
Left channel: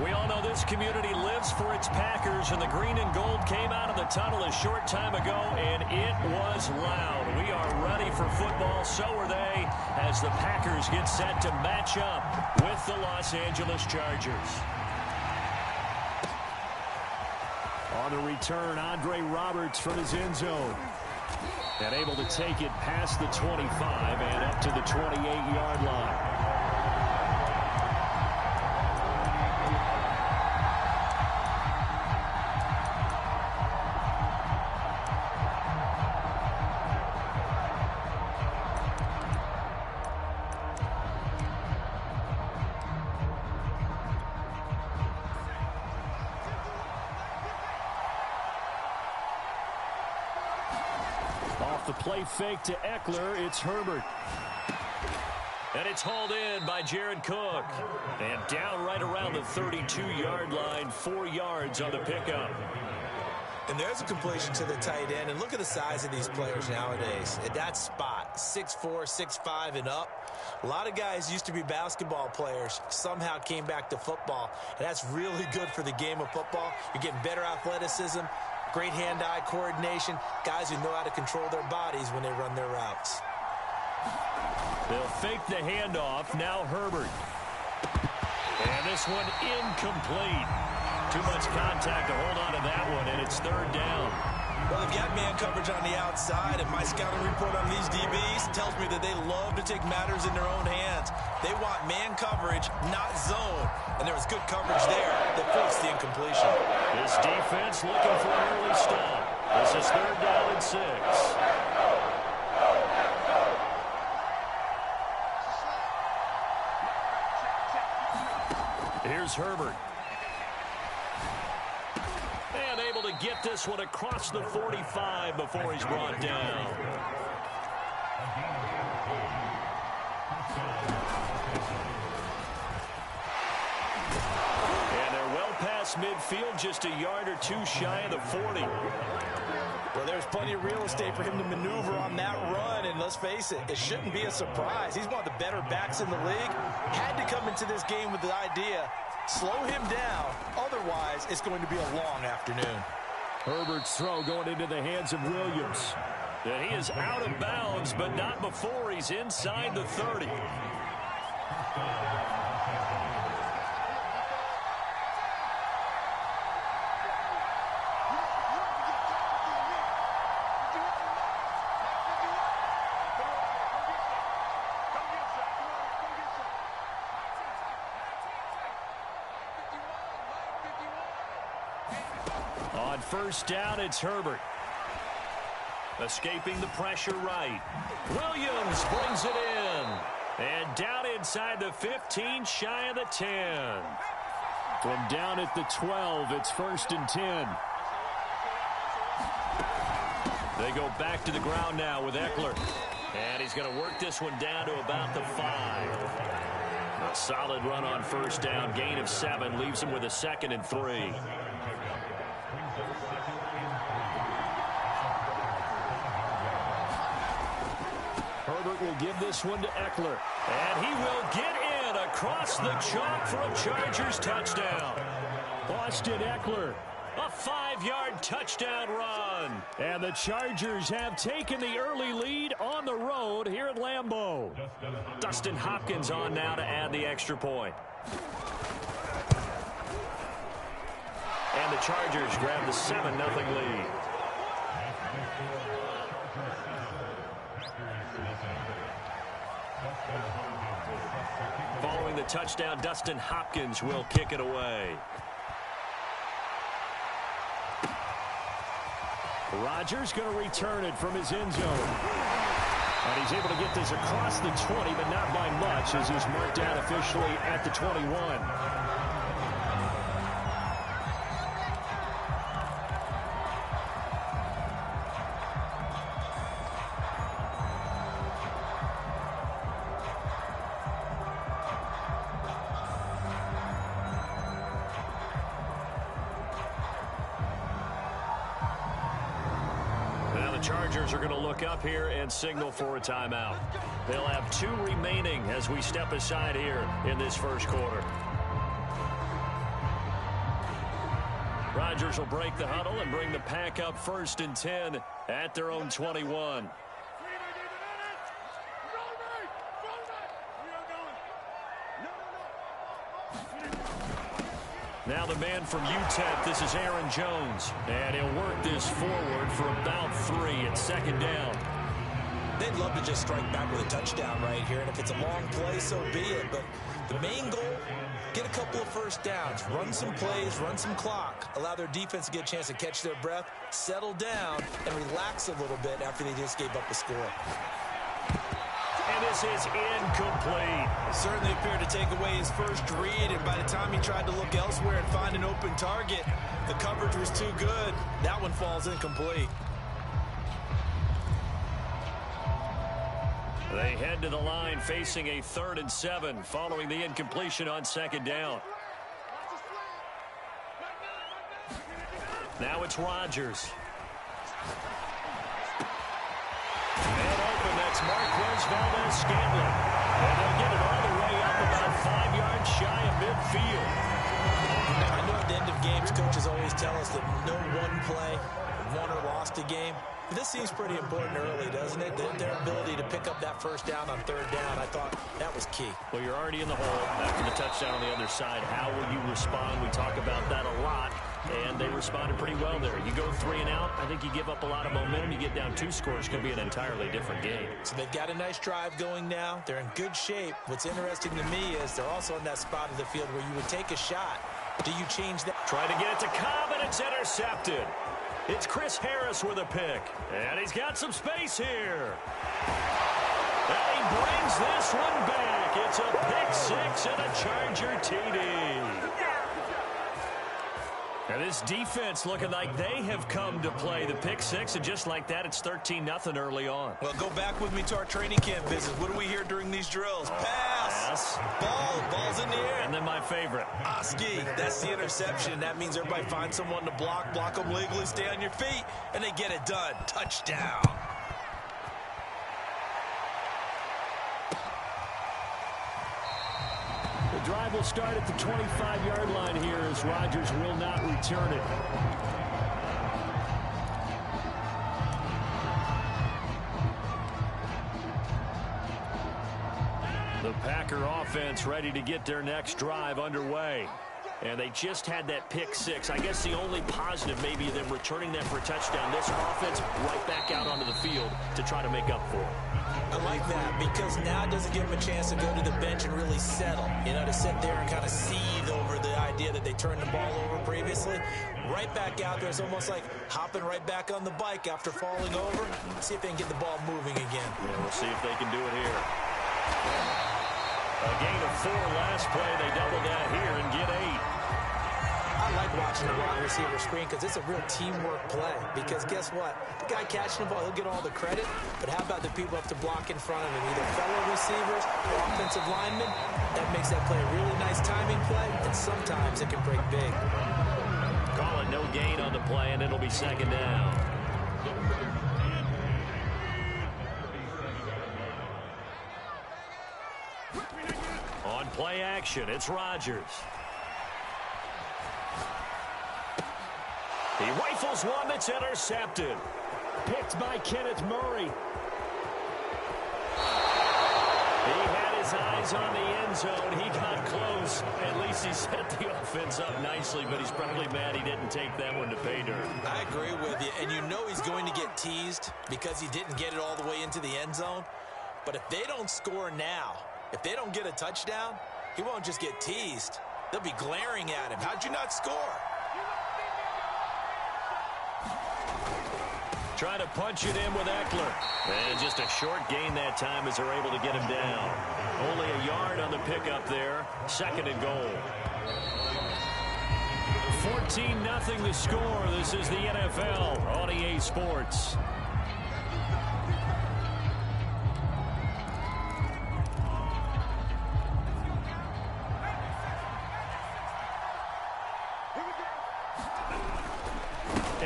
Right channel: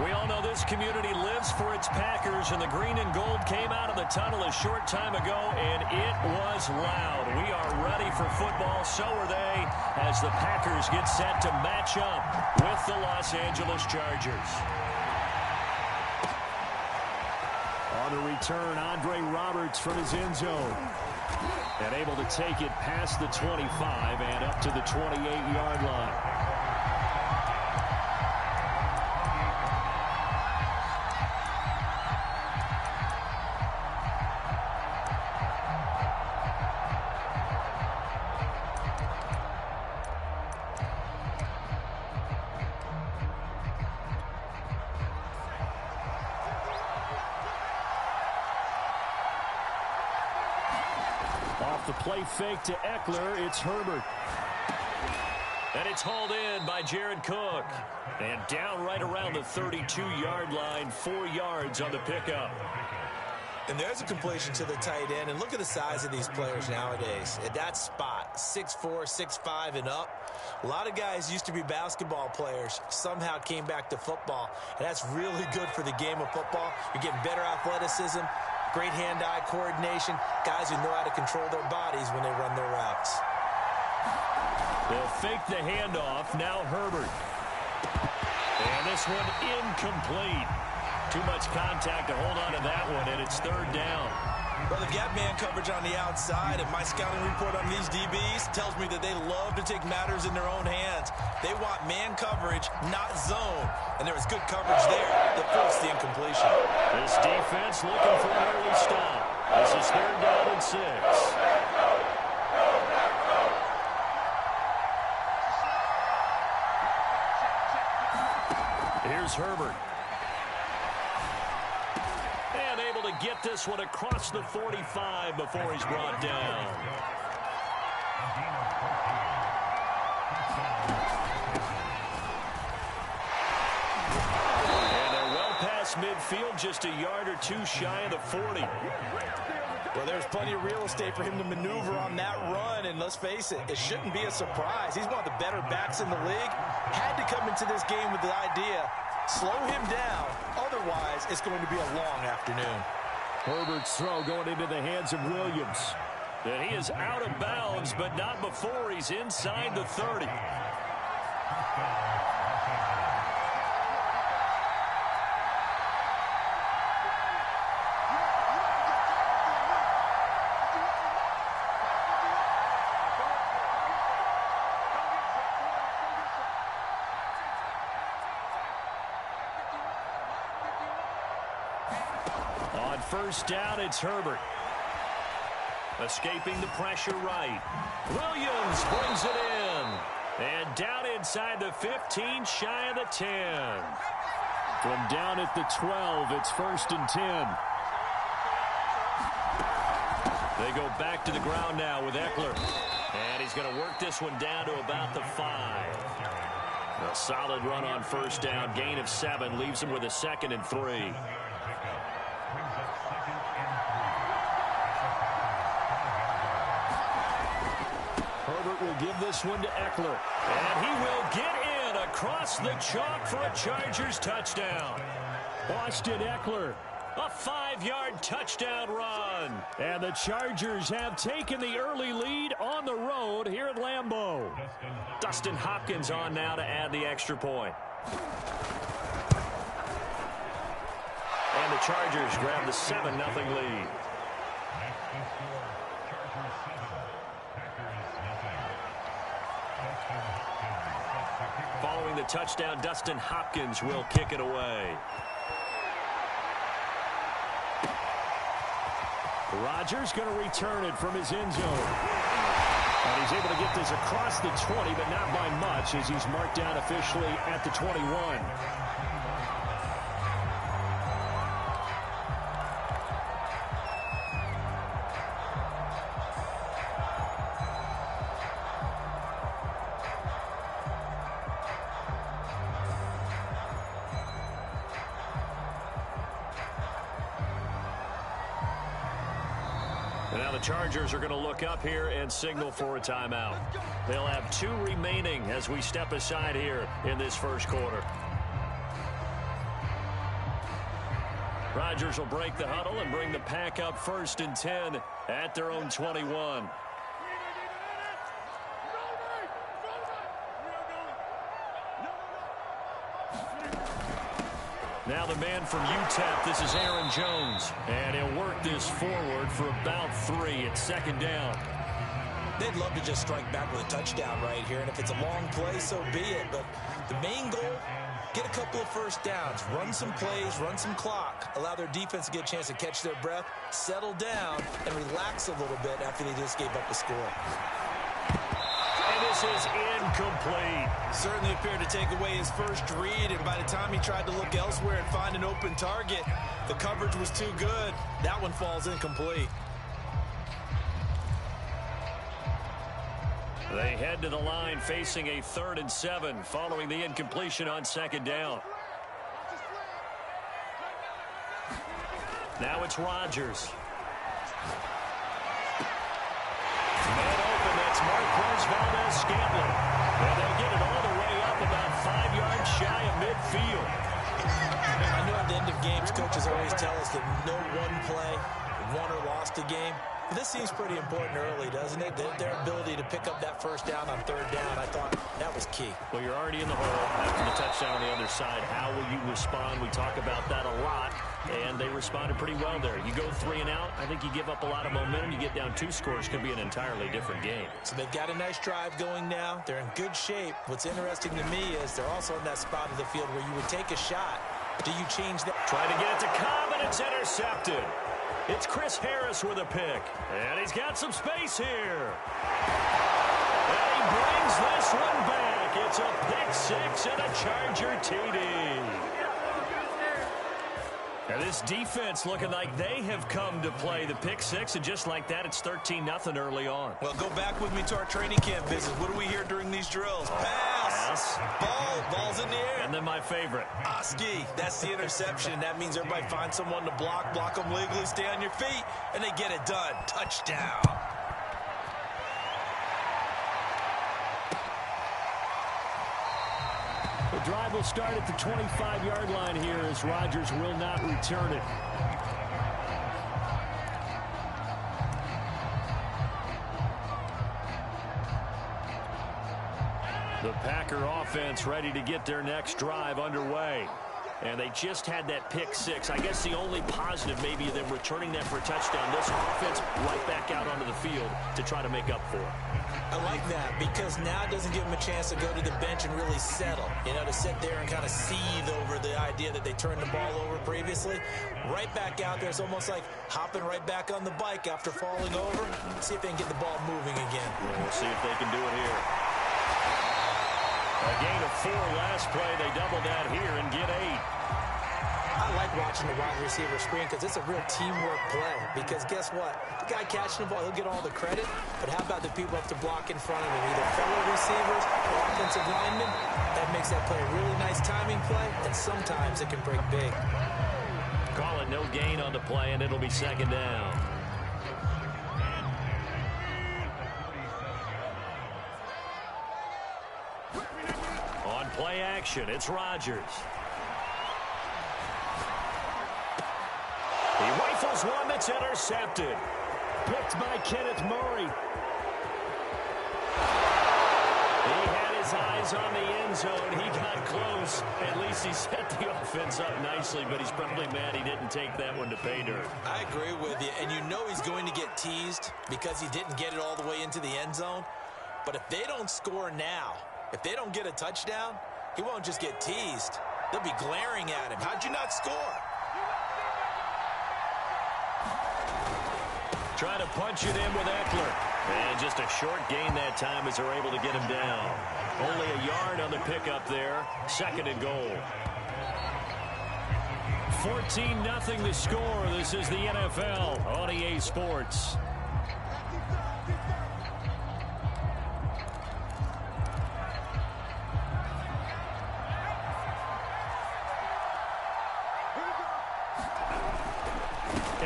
We all know this community lives for its Packers, and the green and gold came out of the tunnel a short time ago, and it was loud. We are ready for football, so are they, as the Packers get set to match up with the Los Angeles Chargers. On the return, Andre Roberts from his end zone. And able to take it past the 25 and up to the 28-yard line. Off the play fake to Eckler, it's Herbert. And it's hauled in by Jared Cook. And down right around the 32-yard line, 4 yards on the pickup. And there's a completion to the tight end. And look at the size of these players nowadays. At that spot, 6'4", 6'5", and up. A lot of guys used to be basketball players, somehow came back to football. And that's really good for the game of football. You're getting better athleticism, great hand-eye coordination, guys who know how to control their bodies when they run their routes. They'll fake the handoff. Now Herbert. And this one incomplete. Too much contact to hold on to that one, and it's third down. Well, they've got man coverage on the outside, and my scouting report on these DBs tells me that they love to take matters in their own hands. They want man coverage, not zone. And there was good coverage there that forced the incompletion. This defense looking for an early stop. This is third down and 6. Here's Herbert. And able to get this one across the 45 before he's brought down. And they're well past midfield, just a yard or two shy of the 40. Well, there's plenty of real estate for him to maneuver on that run, and let's face it, it shouldn't be a surprise. He's one of the better backs in the league. Had to come into this game with the idea, slow him down, otherwise it's going to be a long afternoon. Herbert's throw going into the hands of Williams. And he is out of bounds, but not before he's inside the 30. On first down, it's Herbert. Escaping the pressure right. Williams brings it in. And down inside the 15, shy of the 10. From down at the 12, it's 1st and 10. They go back to the ground now with Eckler. And he's going to work this one down to about the 5. A solid run on first down. Gain of 7 leaves him with a 2nd and 3. Herbert will give this one to Eckler. And he will get in across the chalk for a Chargers touchdown. Austin Eckler, a 5-yard touchdown run. And the Chargers have taken the early lead on the road here at Lambeau. Dustin Hopkins on now to add the extra point. And the Chargers grab the 7-0 lead. Following the touchdown, Dustin Hopkins will kick it away. Rodgers going to return it from his end zone. And he's able to get this across the 20, but not by much, as he's marked down officially at the 21. the Chargers are going to look up here and signal for a timeout. They'll have 2 remaining as we step aside here in this first quarter. Rodgers will break the huddle and bring the pack up 1st and 10 at their own 21. Now the man from UTEP, this is Aaron Jones. And he'll work this forward for about 3 at 2nd down. They'd love to just strike back with a touchdown right here. And if it's a long play, so be it. But the main goal, get a couple of first downs, run some plays, run some clock, allow their defense to get a chance to catch their breath, settle down, and relax a little bit after they just gave up a score. And this is incomplete. Certainly appeared to take away his first read, and by the time he tried to look elsewhere and find an open target, the coverage was too good. That one falls incomplete. They head to the line facing a 3rd and 7 following the incompletion on 2nd down. Now it's Rodgers. Man open, that's Marquez Valdez-Scantling. And they'll get it all the way up about 5 yards shy of midfield. I know at the end of games, coaches always tell us that no one play won or lost a game. This seems pretty important early, doesn't it? Their ability to pick up that first down on 3rd down, I thought that was key. Well, you're already in the hole after the touchdown on the other side. How will you respond? We talk about that a lot, and they responded pretty well there. You go 3 and out, I think you give up a lot of momentum. You get down 2 scores, it could be an entirely different game. So they've got a nice drive going now. They're in good shape. What's interesting to me is they're also in that spot of the field where you would take a shot. Do you change that? Try to get it to Cobb, and it's intercepted. It's Chris Harris with a pick. And he's got some space here. And he brings this one back. It's a pick 6 and a Charger TD. And this defense looking like they have come to play. The pick 6, and just like that, it's 13-0 early on. Well, go back with me to our training camp visit. What do we hear during these drills? Pass. Ball's in the air. And then my favorite. Oski, that's the interception. That means everybody finds someone to block them legally, stay on your feet, and they get it done. Touchdown. The drive will start at the 25-yard line here as Rodgers will not return it. The Packer offense ready to get their next drive underway. And they just had that pick 6. I guess the only positive maybe them returning that for a touchdown. This offense right back out onto the field to try to make up for it. I like that because now it doesn't give them a chance to go to the bench and really settle. You know, to sit there and kind of seethe over the idea that they turned the ball over previously. Right back out there. It's almost like hopping right back on the bike after falling over. See if they can get the ball moving again. Yeah, we'll see if they can do it here. A gain of 4 last play. They double that here and get 8. I like watching the wide receiver screen because it's a real teamwork play. Because guess what? The guy catching the ball, he'll get all the credit. But how about the people up to block in front of him? Either fellow receivers or offensive linemen. That makes that play a really nice timing play. And sometimes it can break big. Call it no gain on the play, and it'll be 2nd down. On play action, it's Rodgers. He rifles one that's intercepted. Picked by Kenneth Murray. He had his eyes on the end zone. He got close. At least he set the offense up nicely, but he's probably mad he didn't take that one to pay dirt. I agree with you, and you know he's going to get teased because he didn't get it all the way into the end zone. But if they don't score now, if they don't get a touchdown, he won't just get teased. They'll be glaring at him. How'd you not score? Trying to punch it in with Eckler. And just a short gain that time as they're able to get him down. Only a yard on the pickup there. 2nd and goal. 14-0 the score. This is the NFL on EA Sports.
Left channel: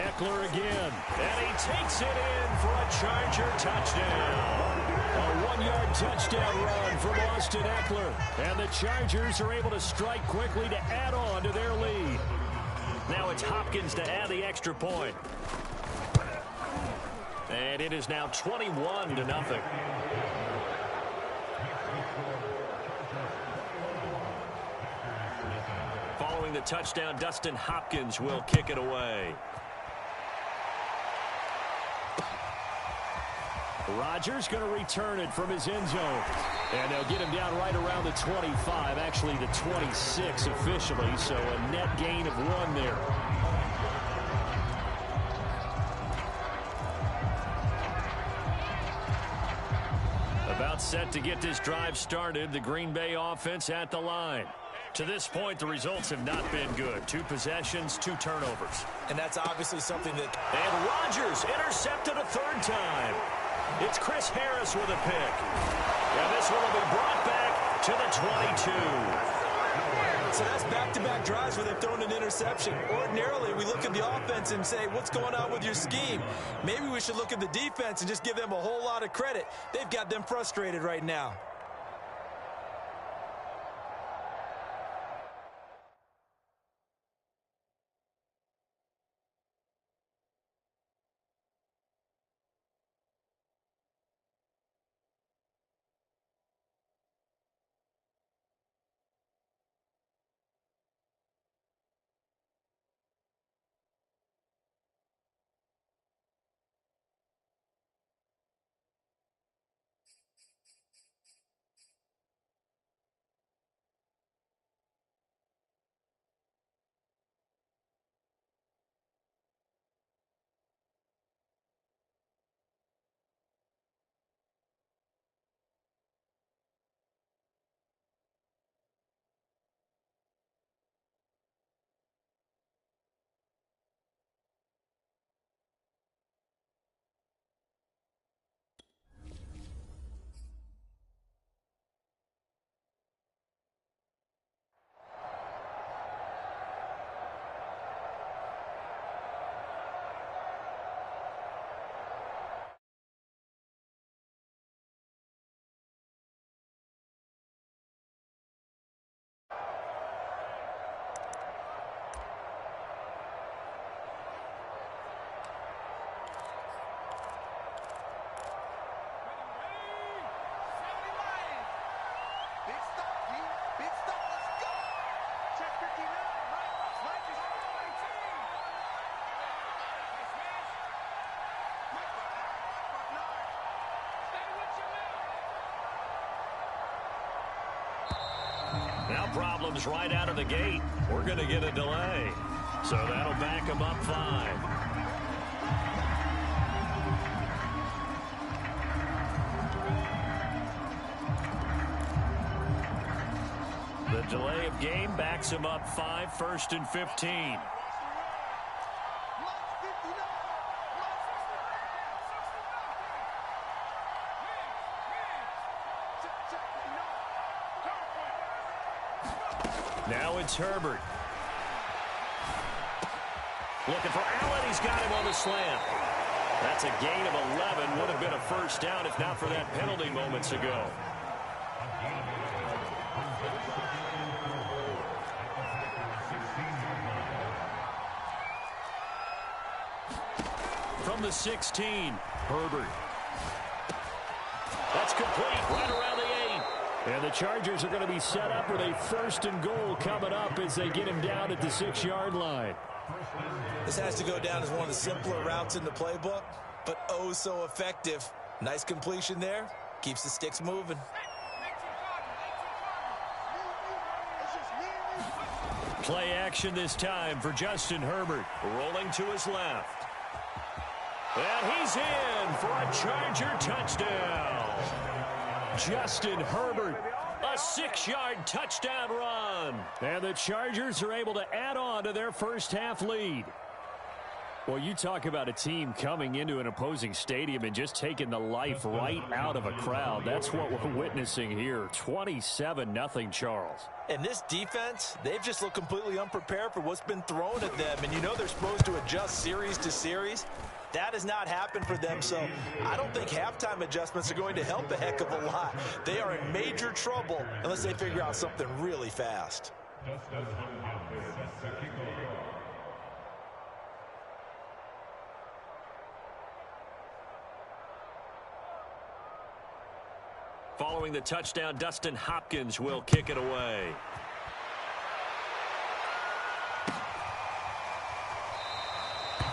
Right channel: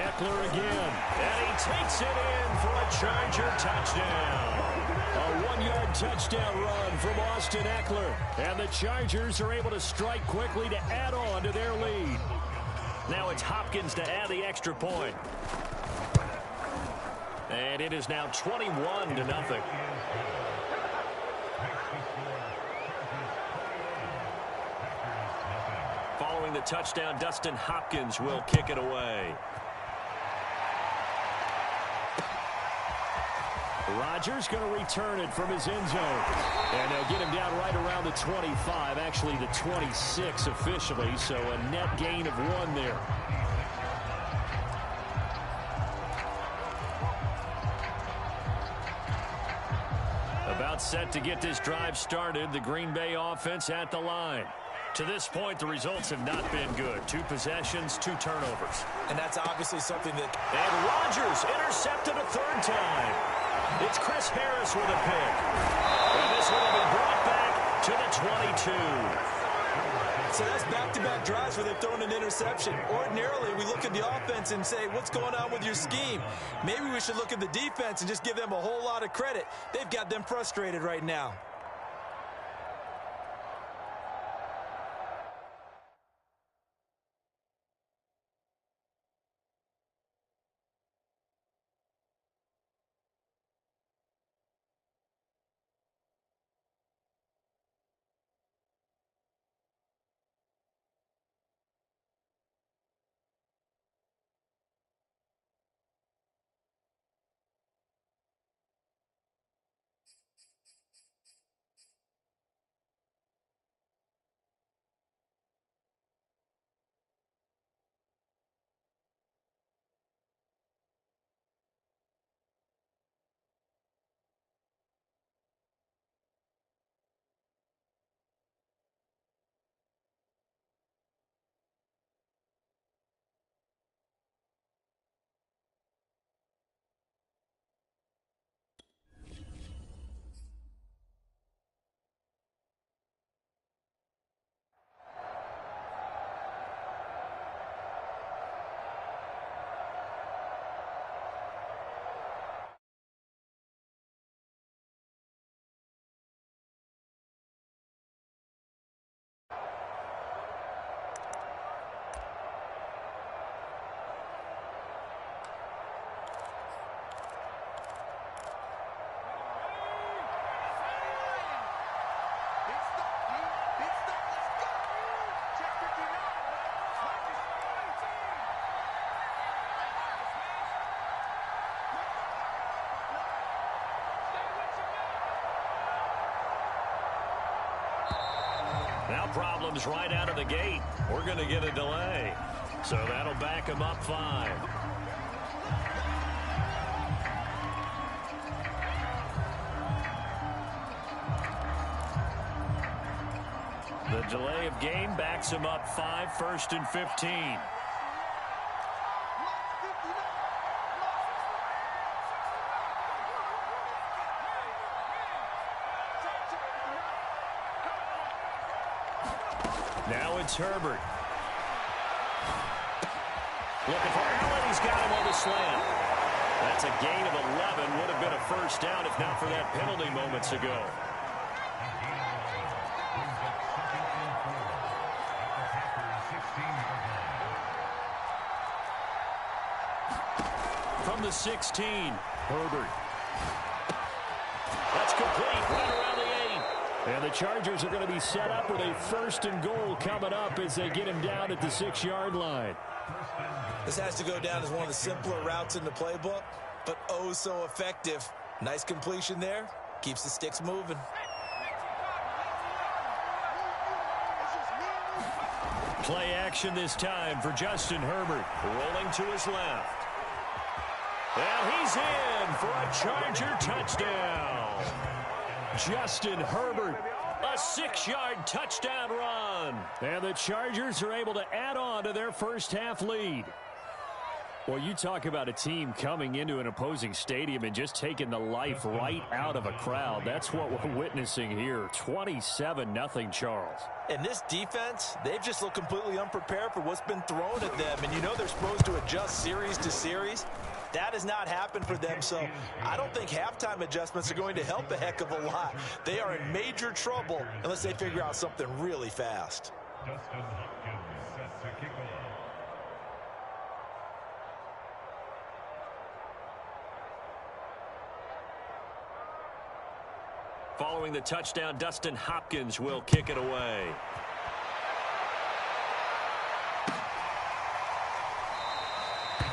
Eckler again. And he takes it in for a Charger touchdown. A 1-yard touchdown run from Austin Eckler. And the Chargers are able to strike quickly to add on to their lead. Now it's Hopkins to add the extra point. And it is now 21-0. Following the touchdown, Dustin Hopkins will kick it away. Rodgers going to return it from his end zone. And they'll get him down right around the 25, actually the 26 officially, so a net gain of 1 there. About set to get this drive started, the Green Bay offense at the line. To this point, the results have not been good. 2 possessions, 2 turnovers. And that's obviously something that... And Rodgers intercepted a 3rd time. It's Chris Harris with a pick. And this one will be brought back to the 22. So that's back-to-back drives where they've thrown an interception. Ordinarily, we look at the offense and say, what's going on with your scheme? Maybe we should look at the defense and just give them a whole lot of credit. They've got them frustrated right now. Now problems right out of the gate. We're going to get a delay. So that'll back them up 5. The delay of game backs him up 5, 1st and 15. Now it's Herbert. Looking for Allen. He's got him on the slant. That's a gain of 11. Would have been a 1st down if not for that penalty moments ago. From the 16, Herbert. That's complete right around the 8. And the Chargers are going to be set up with a 1st and goal coming up as they get him down at the 6-yard line. This has to go down as one of the simpler routes in the playbook, but oh so effective. Nice completion there. Keeps the sticks moving. Play action this time for Justin Herbert. Rolling to his left. And he's in for a Charger touchdown. Justin Herbert, a 6-yard touchdown run. And the Chargers are able to add on to their 1st half lead. Well, you talk about a team coming into an opposing stadium and just taking the life right out of a crowd. That's what we're witnessing here. 27-0 Charles. And this defense, they've just looked completely unprepared for what's been thrown at them. And you know they're supposed to adjust series to series. That has not happened for them, so I don't think halftime adjustments are going to help a heck of a lot. They are in major trouble unless they figure out something really fast. Following the touchdown, Dustin Hopkins will kick it away.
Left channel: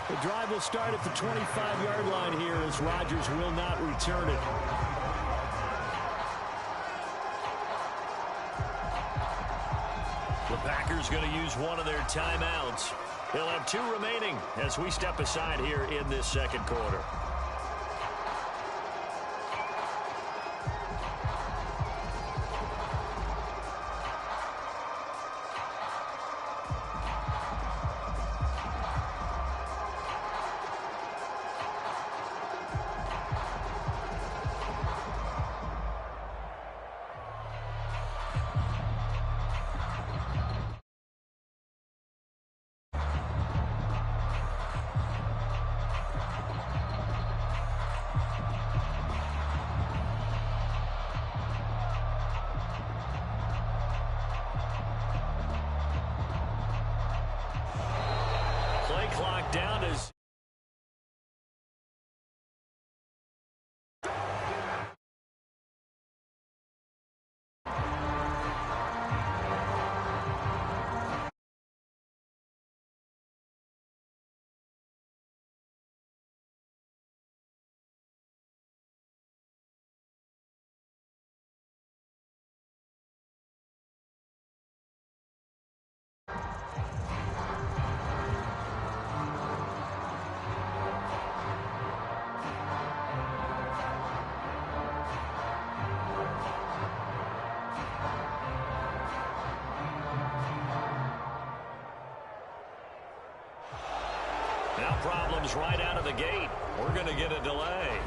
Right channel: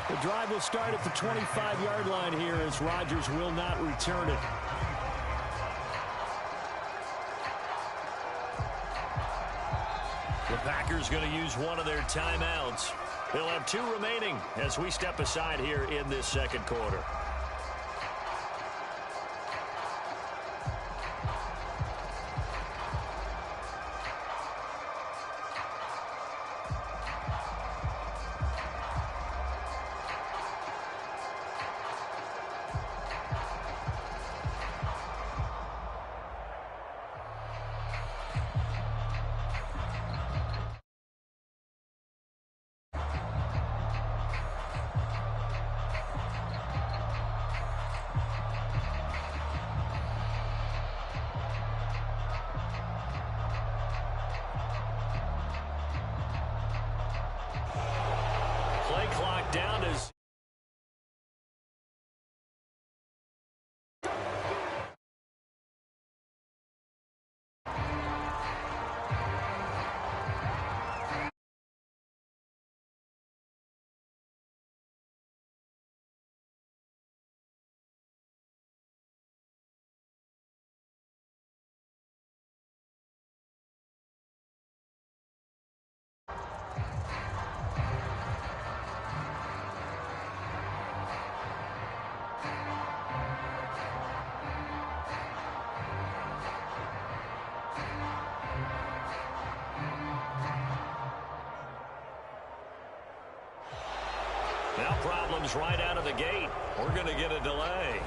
The drive will start at the 25-yard line here as Rodgers will not return it. The Packers going to use one of their timeouts. They'll have 2 remaining as we step aside here in this second quarter. Play clock down as now problems right out of the gate. We're going to get a delay.